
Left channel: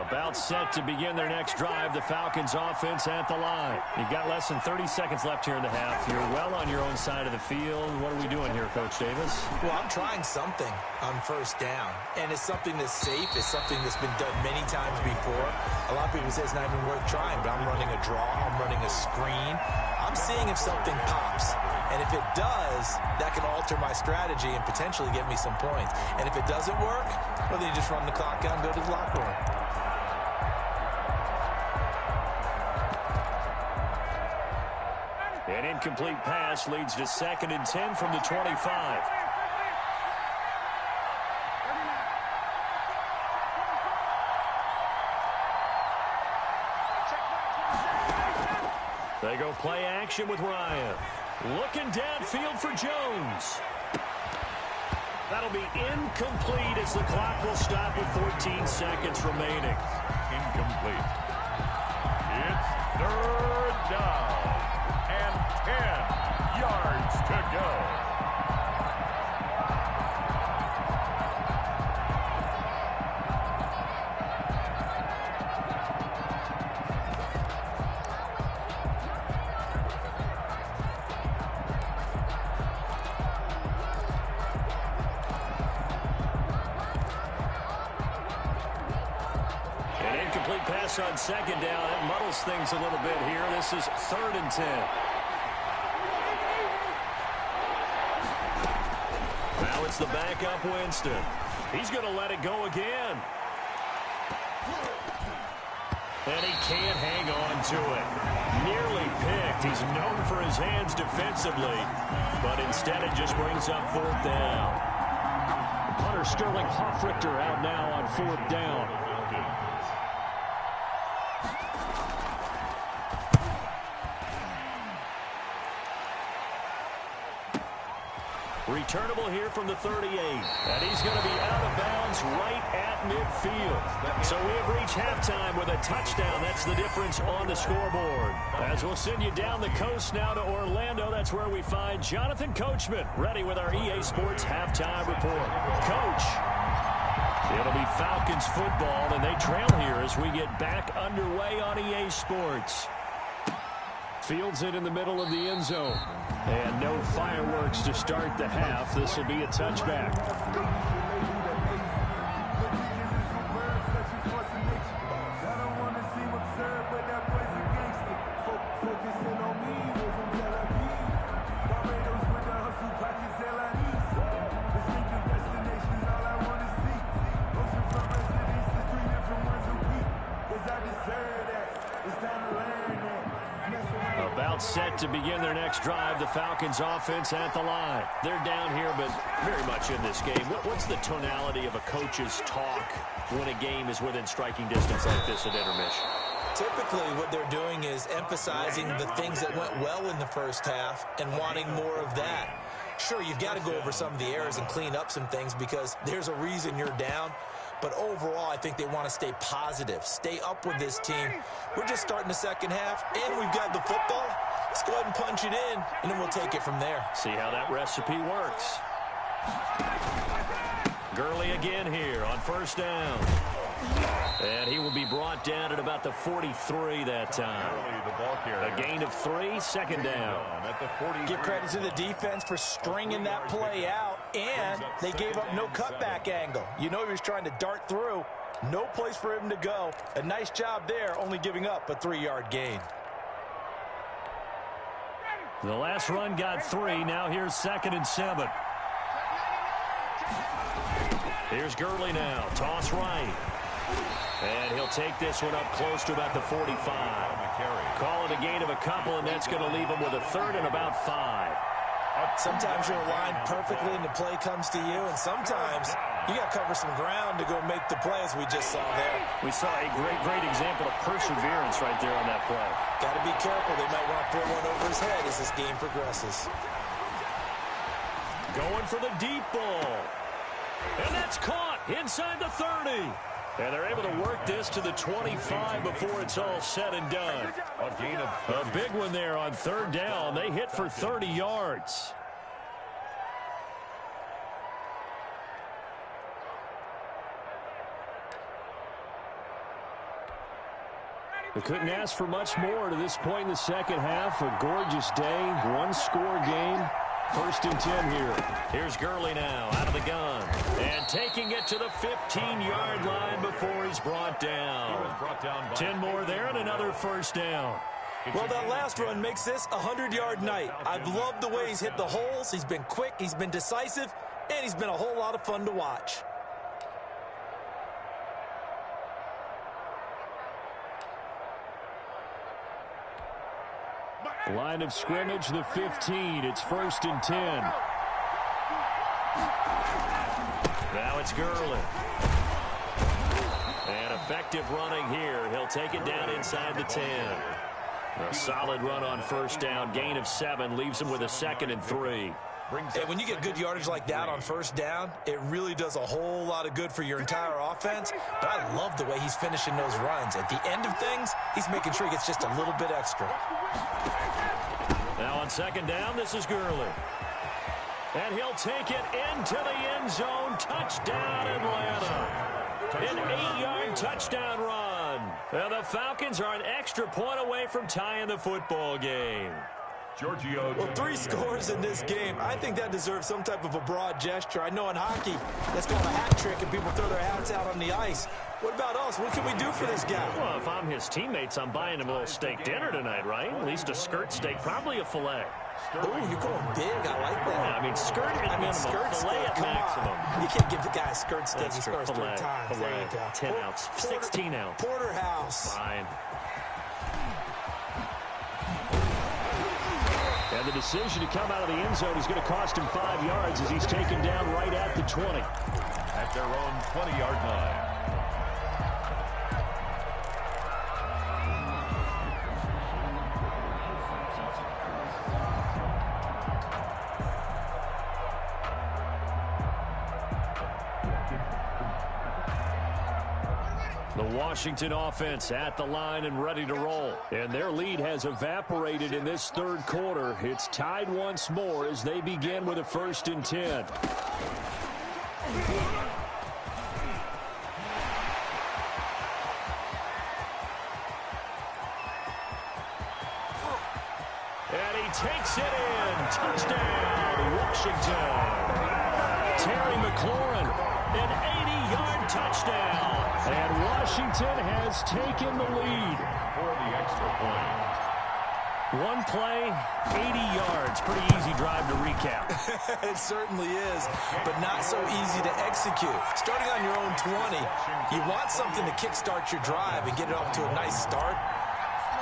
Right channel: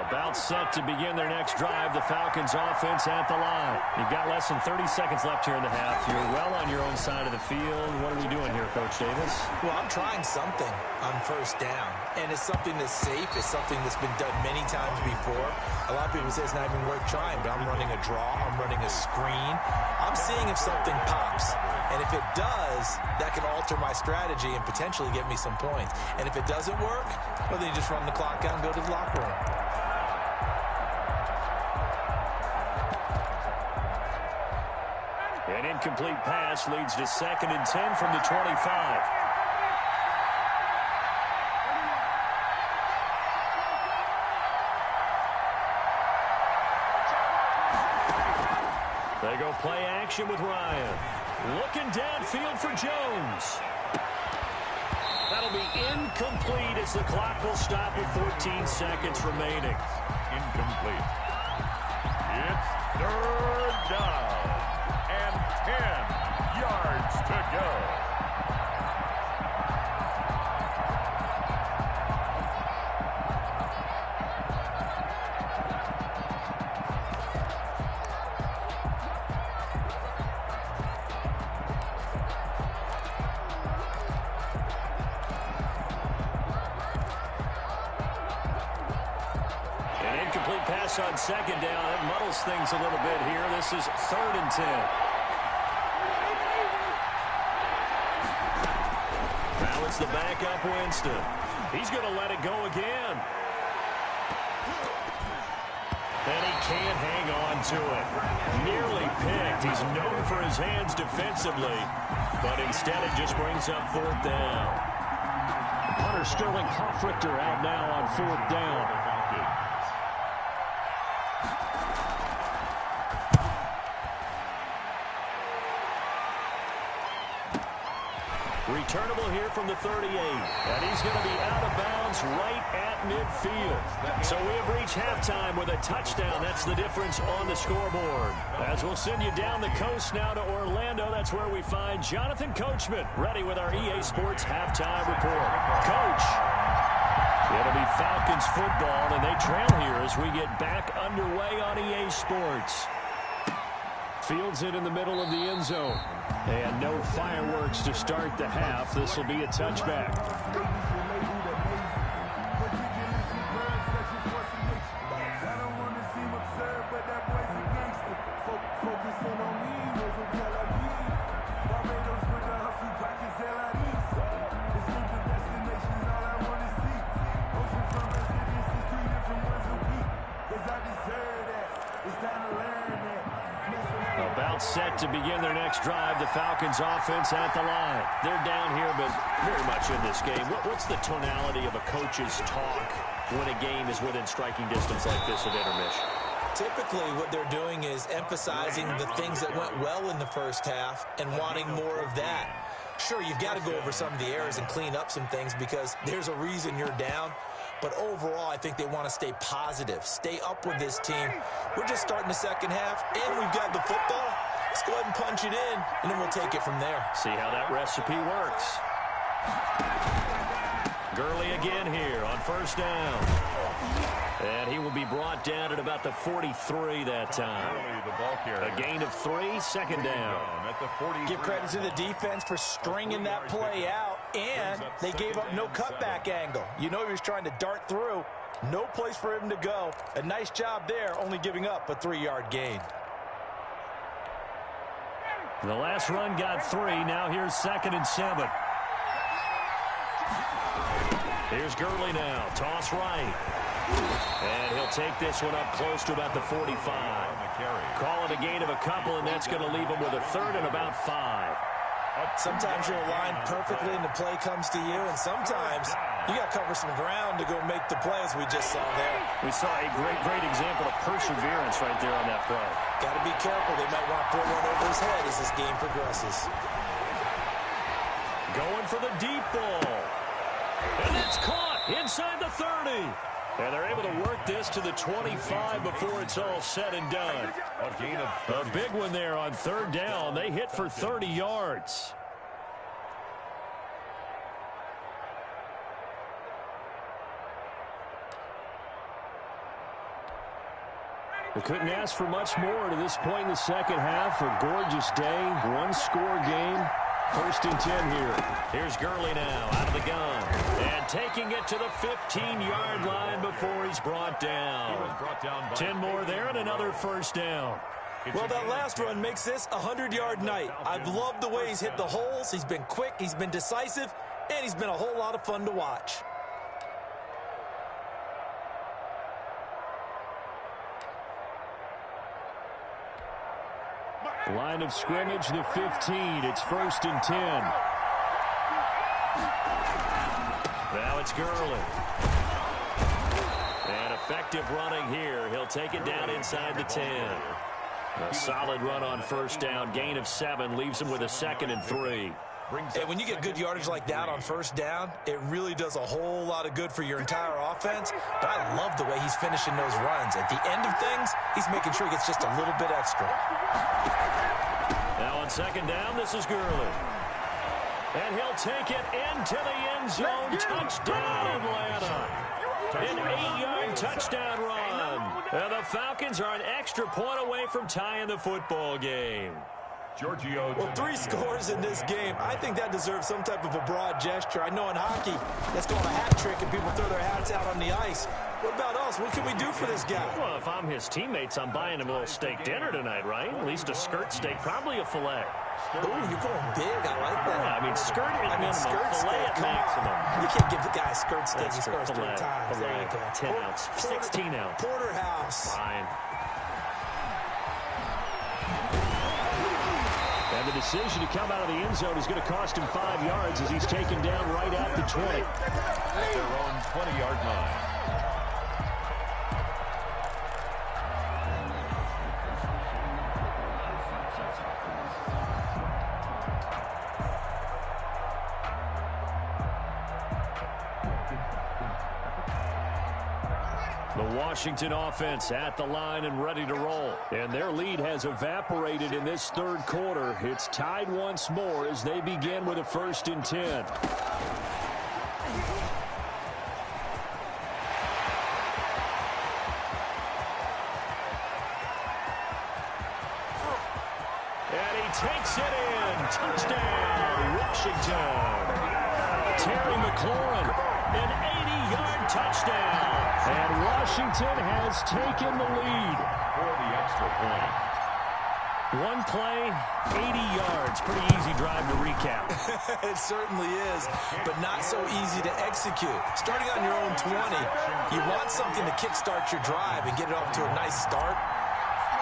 About set to begin their next drive. The Falcons offense at the line. You've got less than 30 seconds left here in the half. You're well on your own side of the field. What are we doing here, Coach Davis? Well, I'm trying something on first down. And it's something that's safe. It's something that's been done many times before. A lot of people say it's not even worth trying, but I'm running a draw. I'm running a screen. I'm seeing if something pops. And if it does, that can alter my strategy and potentially get me some points. And if it doesn't work, well, then you just run the clock out and go to the locker room. An incomplete pass leads to 2nd and 10 from the 25. They go play action with Ryan. Looking downfield for Jones. That'll be incomplete as the clock will stop with 14 seconds remaining. Incomplete. It's 3rd down. And 10 yards to go. An incomplete pass on 2nd down. That muddles things a little bit here. This is 3rd and 10. Now it's the backup Winston. He's going to let it go again. And he can't hang on to it. Nearly picked. He's known for his hands defensively, but instead it just brings up 4th down. Punter Sterling Hoffrichter out now on 4th down. Returnable here from the 38. And he's going to be out of bounds right at midfield. So we have reached halftime with a touchdown. That's the difference on the scoreboard. As we'll send you down the coast now to Orlando, that's where we find Jonathan Coachman ready with our EA Sports halftime report. Coach. It'll be Falcons football, and they trail here as we get back underway on EA Sports. Fields it in the middle of the end zone. And no fireworks to start the half. This will be a touchback. About set to begin their next drive. The Falcons offense at the line. They're down here, but very much in this game. What's the tonality of a coach's talk when a game is within striking distance like this at intermission? Typically, what they're doing is emphasizing the things that went well in the first half and wanting more of that. Sure, you've got to go over some of the errors and clean up some things because there's a reason you're down. But overall, I think they want to stay positive, stay up with this team. We're just starting the second half, and we've got the football. Let's go ahead and punch it in, and then we'll take it from there. See how that recipe works. Gurley again here on first down. And he will be brought down at about the 43 that time. A gain of 3, second down. Give credit to the defense for stringing that play out, and they gave up no cutback angle. You know he was trying to dart through. No place for him to go. A nice job there, only giving up a 3-yard gain. The last run got 3. Now here's 2nd and 7. Here's Gurley now. Toss right. And he'll take this one up close to about the 45. Call it a gain of a couple, and that's going to leave him with a 3rd and about 5. Sometimes you're aligned perfectly and the play comes to you, and sometimes you got to cover some ground to go make the play, as we just saw there. We saw a great example of perseverance right there on that play. Got to be careful. They might want to throw one over his head as this game progresses. Going for the deep ball. And that's caught inside the 30. And they're able to work this to the 25 before it's all said and done. A big one there on 3rd down. They hit for 30 yards. They couldn't ask for much more to this point in the second half. A gorgeous day, one-score game. 1st and 10 here. Here's Gurley now out of the gun. And taking it to the 15-yard line before he's brought down. 10 more there and another 1st down. Well, that last run makes this a 100-yard night. I've loved the way he's hit the holes. He's been quick, he's been decisive, and he's been a whole lot of fun to watch. Line of scrimmage, the 15. It's 1st and 10. Now it's Gurley. And effective running here. He'll take it down inside the 10. A solid run on 1st down. Gain of 7 leaves him with a 2nd and 3. And when you get good yardage like that on 1st down, it really does a whole lot of good for your entire offense. But I love the way he's finishing those runs. At the end of things, he's making sure he gets just a little bit extra. Now on 2nd down, this is Gurley. And he'll take it into the end zone. Touchdown, Atlanta. An 8-yard touchdown run. And the Falcons are an extra point away from tying the football game. Well, 3 scores in this game. I think that deserves some type of a broad gesture. I know in hockey, that's called a hat trick, and people throw their hats out on the ice. What about us? What can we do for this guy? Well, if I'm his teammates, I'm buying him a little steak dinner tonight, right? At least a skirt steak, probably a filet. Oh, you're going big. I like that. Yeah, I mean, skirt at minimum, skirt filet steak, at maximum. You can't give the guy a skirt steak. That's He true. scores 3 Filet, times. There you go. 10 ounce, 16 ounce. Porterhouse. Fine. And the decision to come out of the end zone is going to cost him 5 yards as he's taken down right at the 20. At their own 20-yard line. The Washington offense at the line and ready to roll. And their lead has evaporated in this third quarter. It's tied once more as they begin with a 1st and 10. And he takes it in. Touchdown, Washington. Terry McLaurin, an 80-yard touchdown. And Washington has taken the lead. For the extra point. One play, 80 yards. Pretty easy drive to recap. It certainly is, but not so easy to execute. Starting on your own 20, you want something to kickstart your drive and get it off to a nice start.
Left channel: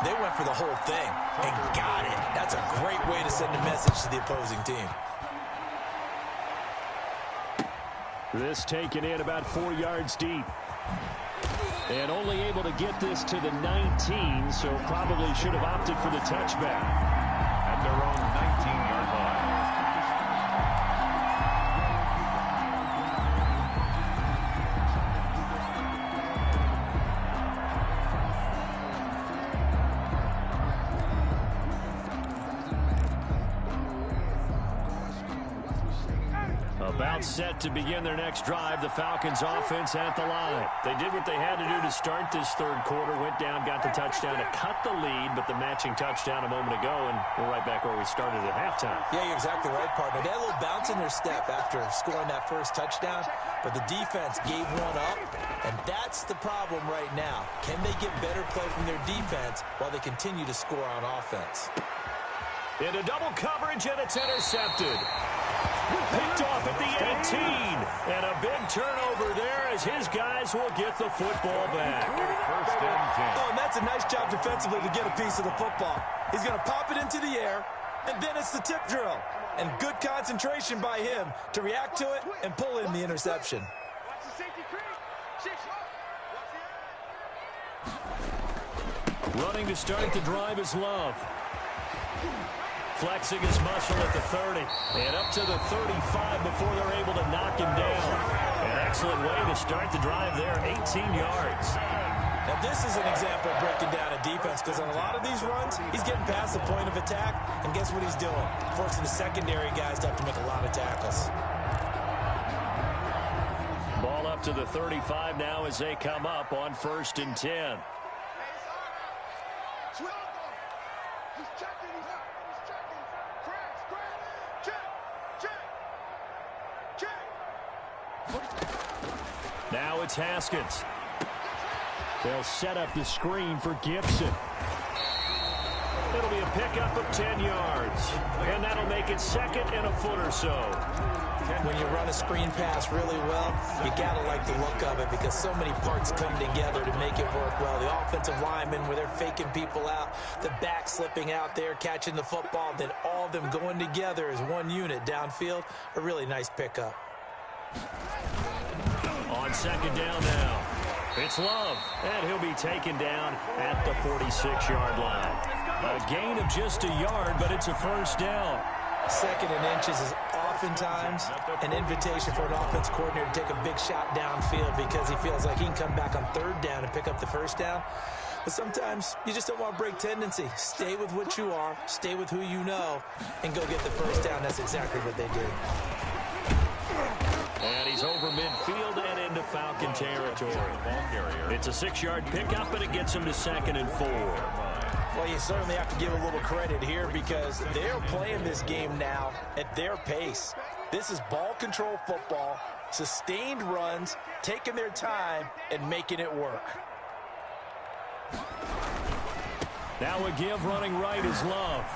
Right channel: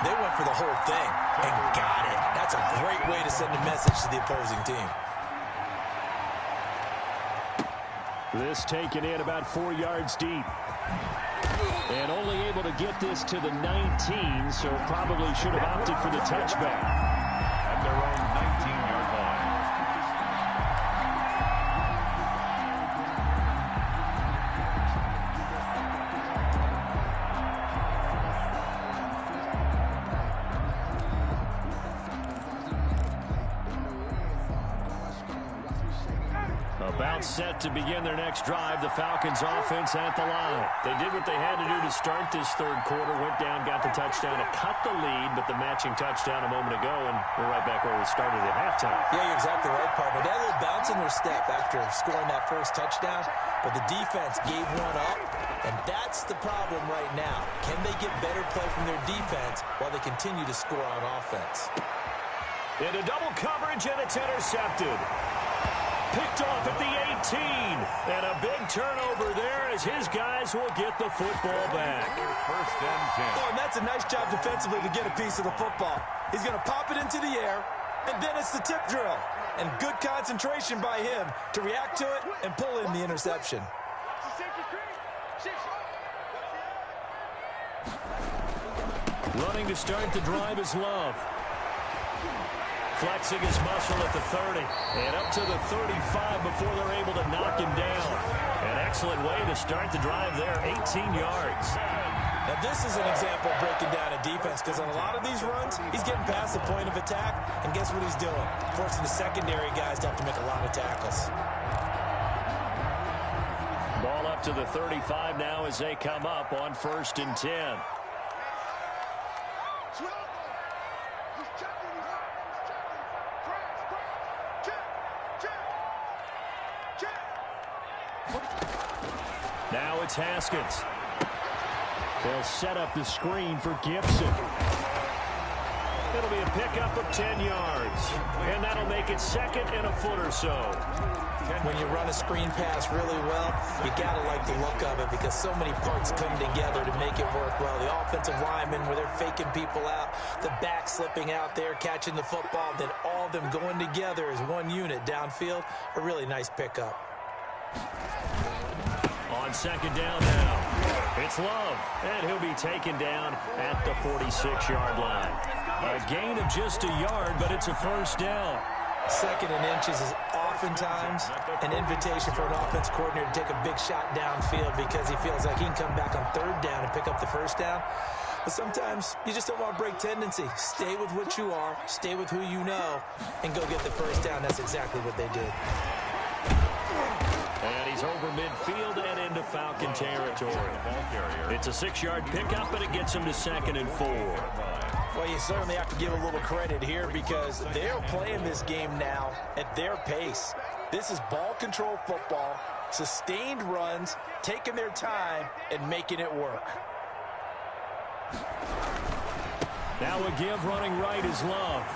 They went for the whole thing and got it. That's a great way to send a message to the opposing team. This taken in about 4 yards deep. And only able to get this to the 19, so probably should have opted for the touchback. At their own 19-yard line. About set to begin their next drive, the Falcons offense at the line. They did what they had to do to start this third quarter, went down, got the touchdown to cut the lead, but the matching touchdown a moment ago, and we're right back where we started at halftime. Yeah, you're exactly right, partner. They had a little bounce in their step after scoring that first touchdown, but the defense gave one up, and that's the problem right now. Can they get better play from their defense while they continue to score on offense? Into double coverage, and it's intercepted. Picked off at the 18, and a big turnover there as his guys will get the football back. 1st and 10. Oh, and that's a nice job defensively to get a piece of the football. He's going to pop it into the air, and then it's the tip drill. And good concentration by him to react to it and pull in the interception. Running to start the drive is Love. Flexing his muscle at the 30 and up to the 35 before they're able to knock him down. An excellent way to start the drive there, 18 yards. Now this is an example of breaking down a defense, because on a lot of these runs, he's getting past the point of attack, and guess what he's doing? Forcing the secondary guys to have to make a lot of tackles. Ball up to the 35 now as they come up on 1st and 10. Now it's Haskins. They'll set up the screen for Gibson. It'll be a pickup of 10 yards. And that'll make it 2nd and a foot or so. When you run a screen pass really well, you got to like the look of it, because so many parts come together to make it work well. The offensive linemen, where they're faking people out, the back slipping out there, catching the football, then all of them going together as one unit downfield. A really nice pickup. On 2nd down now, it's Love, and he'll be taken down at the 46-yard line. A gain of just a yard, but it's a 1st down. 2nd and inches is oftentimes an invitation for an offense coordinator to take a big shot downfield, because he feels like he can come back on 3rd down and pick up the 1st down. But sometimes you just don't want to break tendency. Stay with what you are, stay with who you know, and go get the 1st down. That's exactly what they did. And he's over midfield and into Falcon territory. It's a 6-yard pickup, but it gets him to 2nd and 4. Well, you certainly have to give a little credit here, because they're playing this game now at their pace. This is ball control football, sustained runs, taking their time, and making it work. Now a give running right is Love.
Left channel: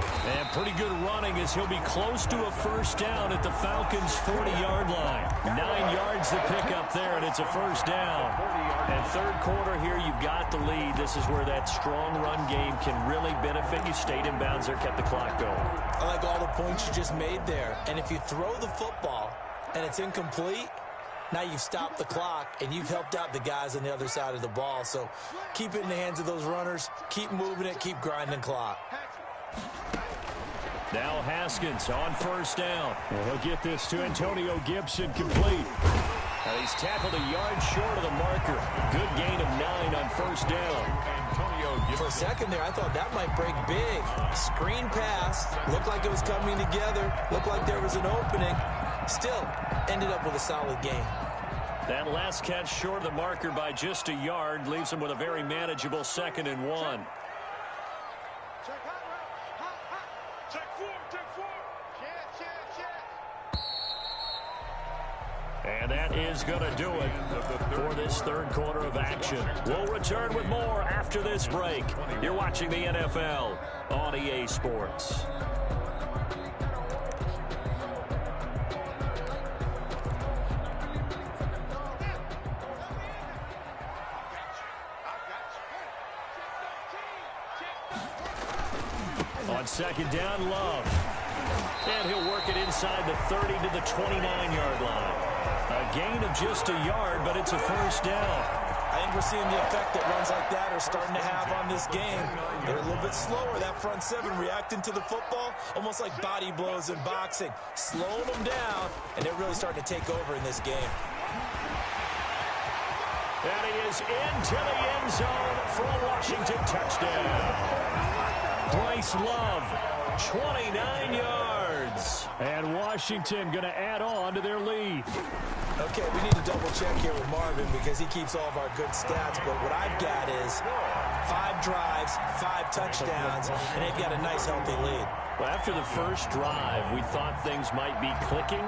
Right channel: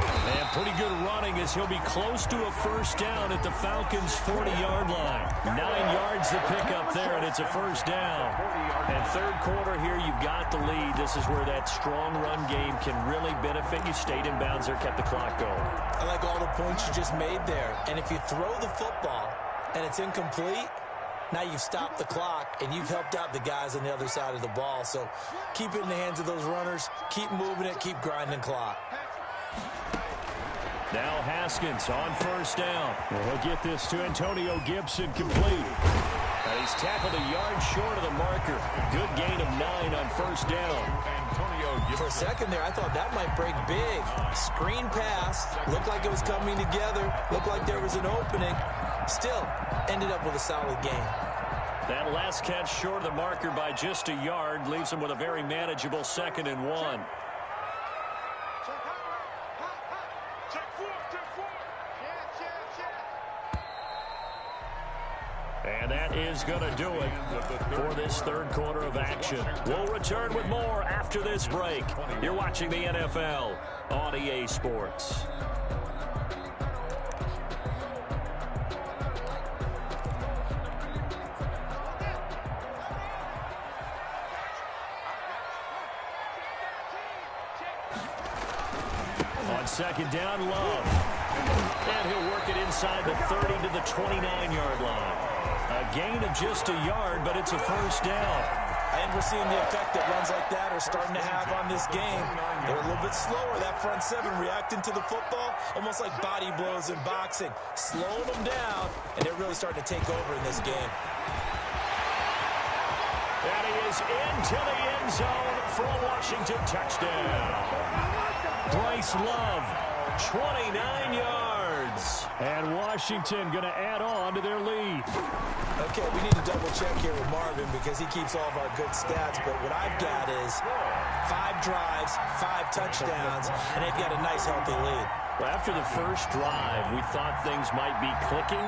And pretty good running as he'll be close to a 1st down at the Falcons' 40-yard line. 9 yards to pick up there, and it's a 1st down. And third quarter here, you've got the lead. This is where that strong run game can really benefit you. Stayed in bounds there, kept the clock going. I like all the points you just made there. And if you throw the football and it's incomplete, now you've stopped the clock, and you've helped out the guys on the other side of the ball. So keep it in the hands of those runners. Keep moving it. Keep grinding clock. Now Haskins on 1st down. And he'll get this to Antonio Gibson complete. And he's tackled a yard short of the marker. Good gain of 9 on first down. For a second there, I thought that might break big. Screen pass. Looked like it was coming together. Looked like there was an opening. Still, ended up with a solid gain. That last catch short of the marker by just a yard leaves him with a very manageable 2nd and 1. And that is going to do it for this third quarter of action. We'll return with more after this break. You're watching the NFL on EA Sports. On second down, Love. And he'll work it inside the 30 to the 29-yard line. A gain of just a yard, but it's a first down. I think we're seeing the effect that runs like that are starting to have on this game. They're a little bit slower, that front seven, reacting to the football, almost like body blows in boxing. Slowing them down, and they're really starting to take over in this game. And he is into the end zone for a Washington touchdown. Bryce Love, 29 yards. And Washington going to add on to their lead. Okay, we need to double check here with Marvin because he keeps all of our good stats. But what I've got is 5 drives, 5 touchdowns, and they've got a nice, healthy lead. Well, after the first drive, we thought things might be clicking.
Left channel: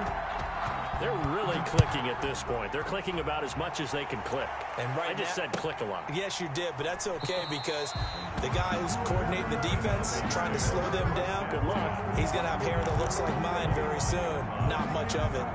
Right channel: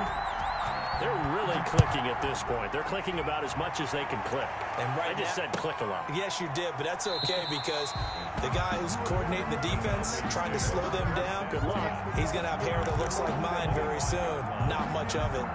They're really clicking at this point. They're clicking about as much as they can click. And right I just said click a lot. Yes, you did, but that's okay because the guy who's coordinating the defense, trying to slow them down, good luck. He's going to have hair that looks like mine very soon. Not much of it.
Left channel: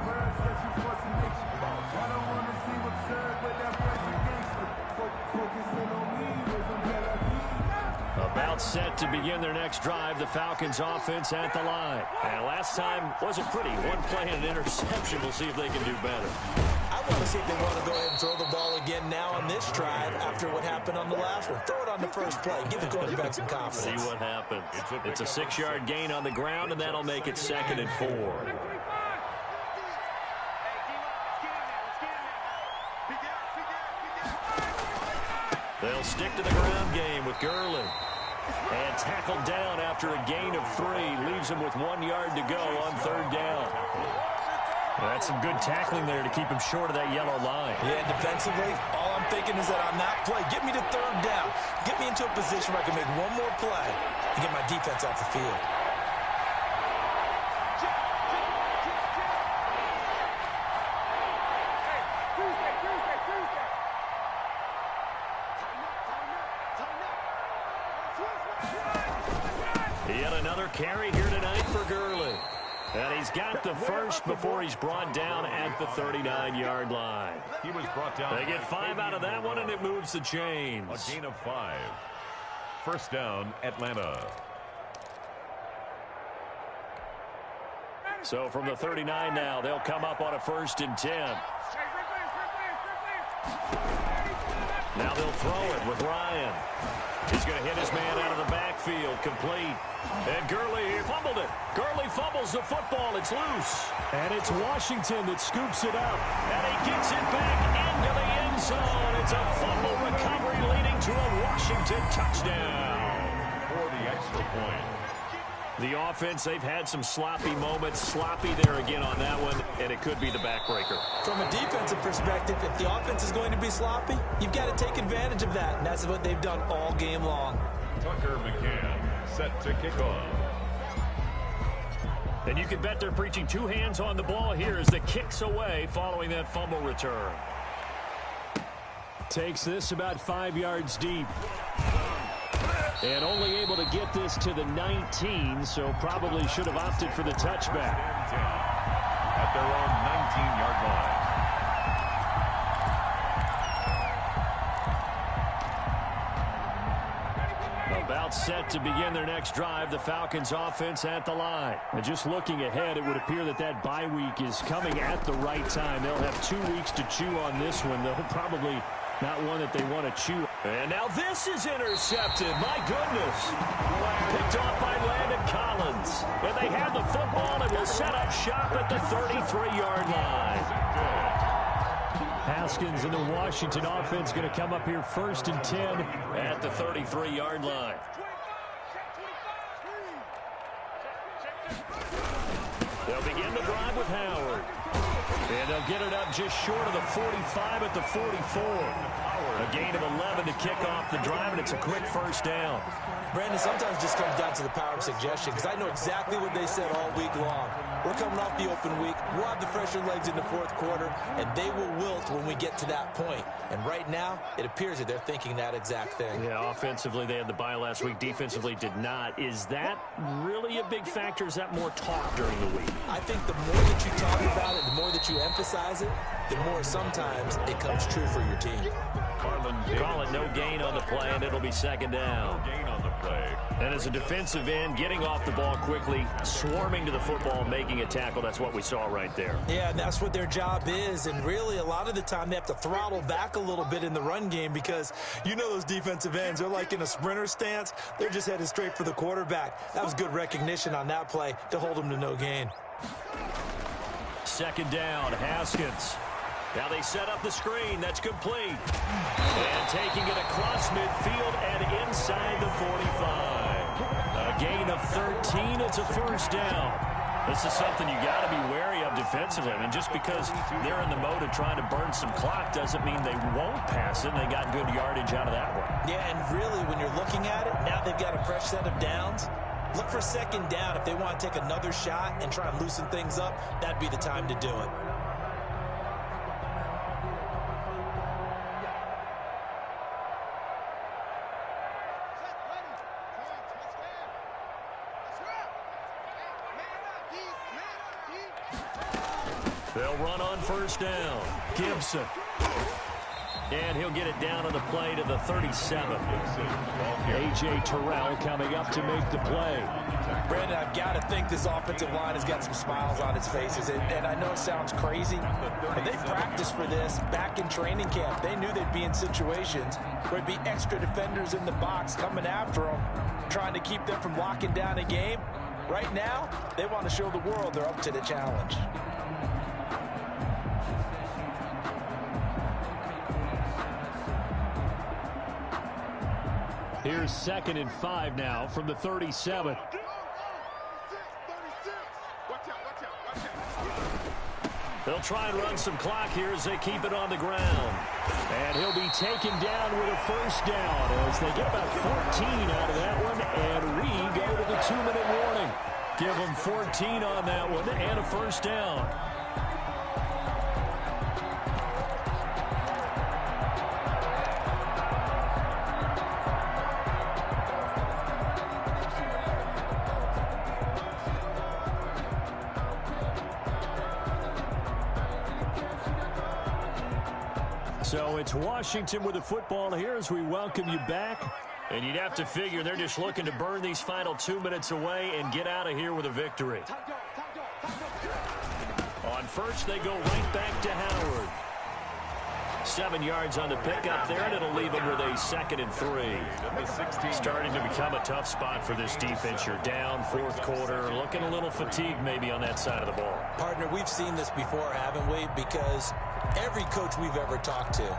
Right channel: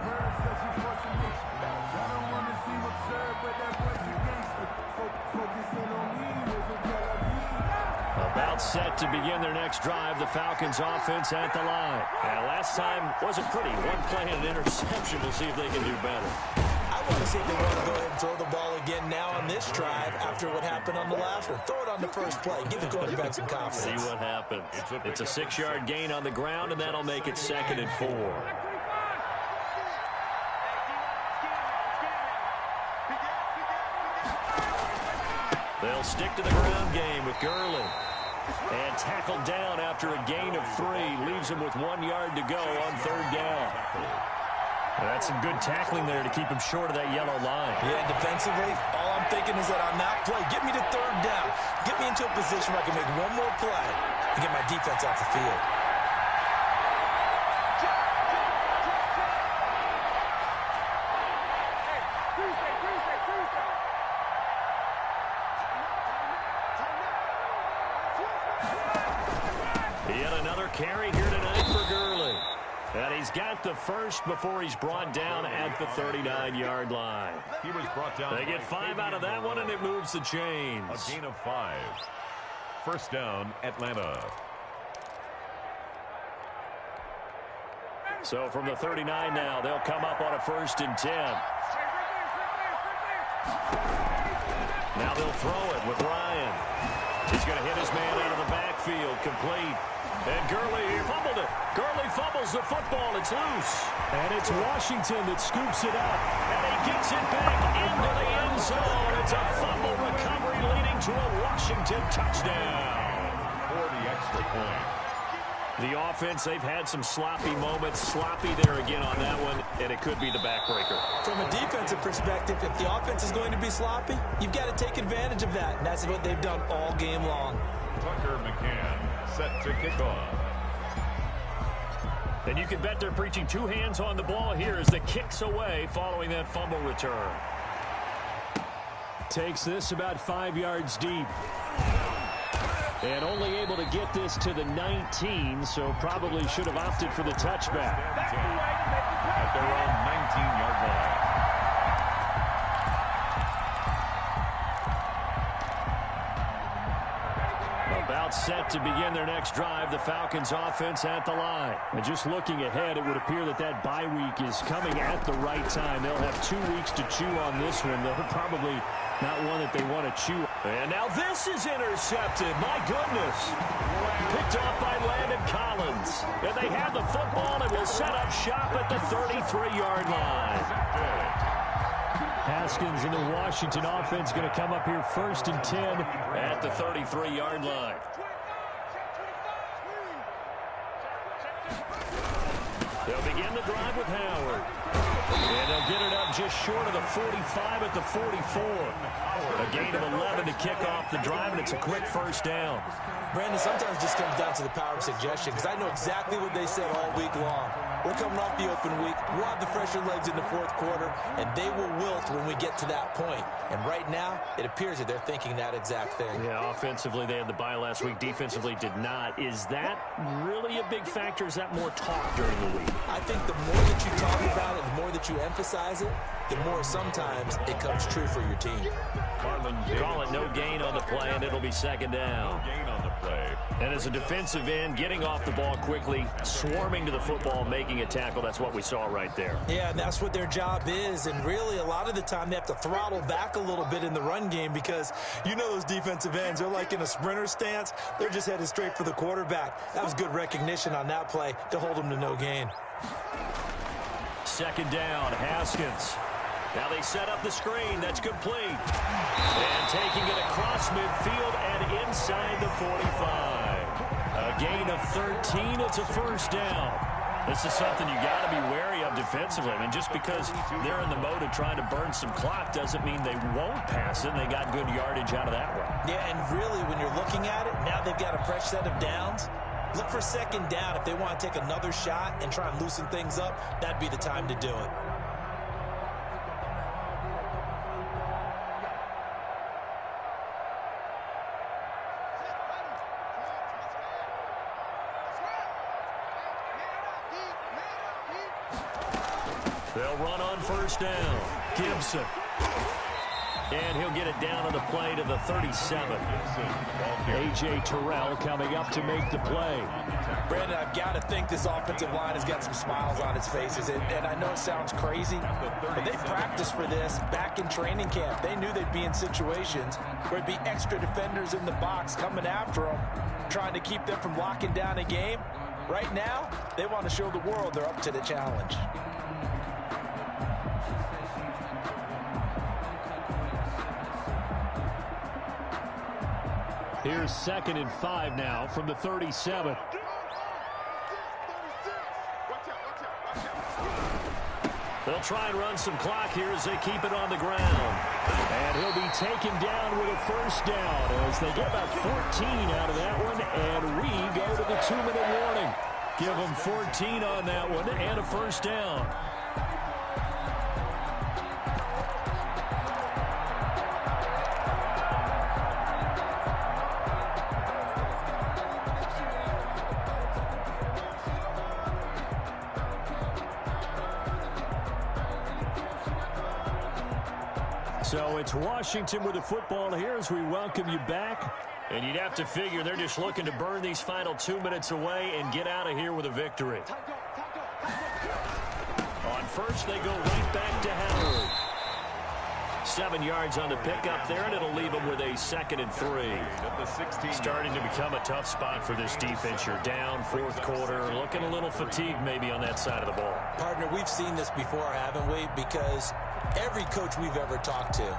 About set to begin their next drive, the Falcons offense at the line. And last time wasn't pretty. One play and an interception. We'll see if they can do better. I want to see if they want to go ahead and throw the ball again now on this drive after what happened on the last one. Throw it on the first play. Give the quarterback some confidence. See what happens. It's a 6-yard gain on the ground, and that'll make it 2nd and 4. They'll stick to the ground game with Gurley. And tackled down after a gain of 3. Leaves him with 1 yard to go on 3rd down. That's some good tackling there to keep him short of that yellow line. Yeah, defensively, all I'm thinking is that on that play, get me to 3rd down. Get me into a position where I can make one more play and get my defense off the field. Yet another carry here tonight for Gurley. And he's got the first before he's brought down at the 39-yard line. He was brought down. They get 5 out of that one, and it moves the chains. A gain of 5. First down, Atlanta. So from the 39 now, they'll come up on a 1st and 10. Now they'll throw it with Ryan. He's going to hit his man out of the backfield, complete. And Gurley fumbled it. Gurley fumbles the football. It's loose. And it's Washington that scoops it up. And he gets it back into the end zone. It's a fumble recovery leading to a Washington touchdown. For the extra point. The offense, they've had some sloppy moments. Sloppy there again on that one, and it could be the backbreaker. From a defensive perspective, if the offense is going to be sloppy, you've got to take advantage of that, and that's what they've done all game long. Tucker McCann set to kick off. And you can bet they're preaching 2 hands on the ball here as the kick's away following that fumble return. Takes this about 5 yards deep. And only able to get this to the 19, so probably should have opted for the touchback. At their own 19-yard line. About set to begin their next drive, the Falcons offense at the line. And just looking ahead, it would appear that that bye week is coming at the right time. They'll have 2 weeks to chew on this one. They'll probably not one that they want to chew. And now this is intercepted. My goodness. Picked off by Landon Collins. And they have the football and will set up shop at the 33-yard line. Haskins and the Washington offense going to come up here 1st and 10 at the 33-yard line. They'll begin the drive with Howard. And they'll get it up just short of the 45 at the 44. A gain of 11 to kick off the drive, and it's a quick first down. Brandon, sometimes it just comes down to the power of suggestion, because I know exactly what they said all week long. We're coming off the open week. We'll have the fresher legs in the fourth quarter, and they will wilt when we get to that point. And right now, it appears that they're thinking that exact thing. Yeah, offensively, they had the bye last week. Defensively, did not. Is that really a big factor? Is that more talk during the week? I think the more that you talk about it, the more that you emphasize it, the more sometimes it comes true for your team. Call it no gain on the play, and it'll be second down. Gain on the play. And as a defensive end, getting off the ball quickly, swarming to the football, making a tackle, that's what we saw right there. Yeah, and that's what their job is. And really, a lot of the time, they have to throttle back a little bit in the run game because you know those defensive ends, they're like in a sprinter stance. They're just headed straight for the quarterback. That was good recognition on that play to hold them to no gain. Second down, Haskins. Now they set up the screen. That's complete. And taking it across midfield and inside the 45. A gain of 13. It's a first down. This is something you got to be wary of defensively. I mean, just because they're in the mode of trying to burn some clock doesn't mean they won't pass it. And they got good yardage out of that one. Yeah, and really, when you're looking at it, now they've got a fresh set of downs. Look for second down. If they want to take another shot and try and loosen things up, that'd be the time to do it. They'll run on first down. Gibson. And he'll get it down on the play to the 37. A.J. Terrell coming up to make the play. Brandon, I've got to think this offensive line has got some smiles on its faces. And I know it sounds crazy, but they practiced for this back in training camp. They knew they'd be in situations where there'd be extra defenders in the box coming after them, trying to keep them from locking down a game. Right now, they want to show the world they're up to the challenge. Here's 2nd and 5 now from the 37. They'll try and run some clock here as they keep it on the ground. And he'll be taken down with a first down as they get about 14 out of that one. And we go to the 2-minute warning. Give them 14 on that one and a first down. So it's Washington with the football here as we welcome you back. And you'd have to figure they're just looking to burn these final 2 minutes away and get out of here with a victory. On first, they go right back to Howard. 7 yards on the pickup there, and it'll leave them with a 2nd and 3. Starting to become a tough spot for this defense. You're down, fourth quarter, looking a little fatigued maybe on that side of the ball. Partner, we've seen this before, haven't we? Because every coach we've ever talked to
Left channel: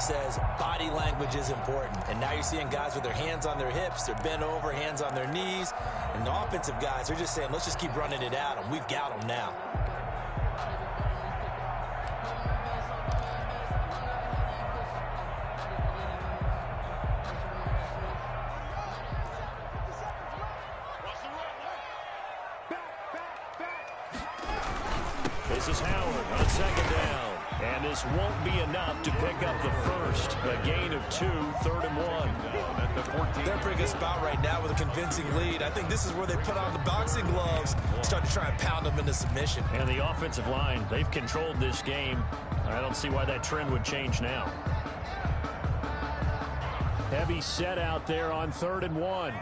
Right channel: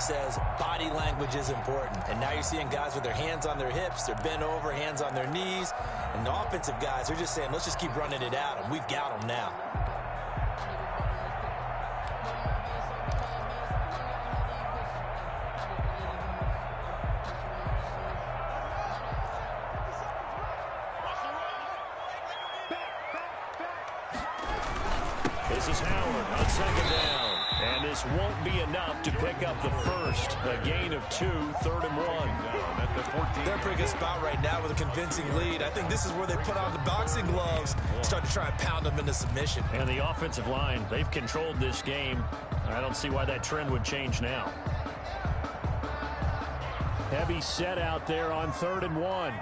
says body language is important. And now you're seeing guys with their hands on their hips, they're bent over, hands on their knees. And the offensive guys are just saying, let's just keep running it at them. We've got them now. This is Howard on second down. And this won't be enough to pick up the first. A gain of 2, 3rd and 1. They're in a pretty good spot right now with a convincing lead. I think this is where they put on the boxing gloves, start to try and pound them into submission. And the offensive line, they've controlled this game. I don't see why that trend would change now. Heavy set out there on 3rd and 1.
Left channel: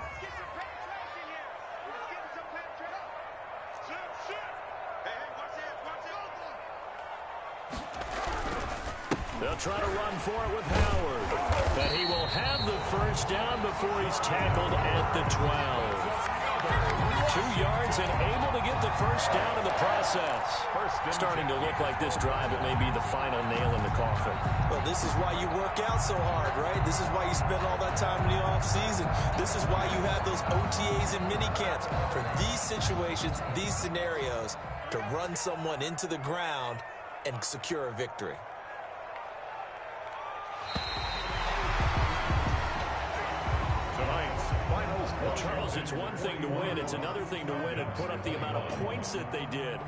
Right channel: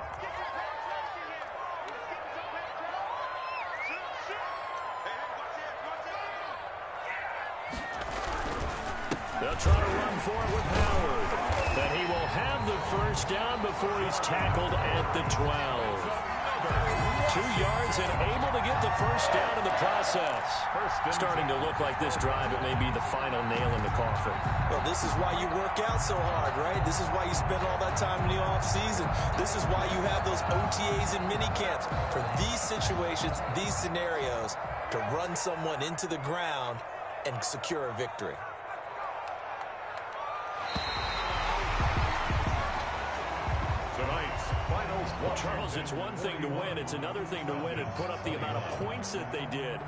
They'll try to run for it with Howard. But he will have the first down before he's tackled at the 12. 2 yards and able to get the first down in the process. Starting to look like this drive, it may be the final nail in the coffin. Well, this is why you work out so hard, right? This is why you spend all that time in the offseason. This is why you have those OTAs and mini camps. For these situations, these scenarios, to run someone into the ground and secure a victory. Tonight's final score. Well, Charles, it's one thing to win. It's another thing to win and put up the amount of points that they did.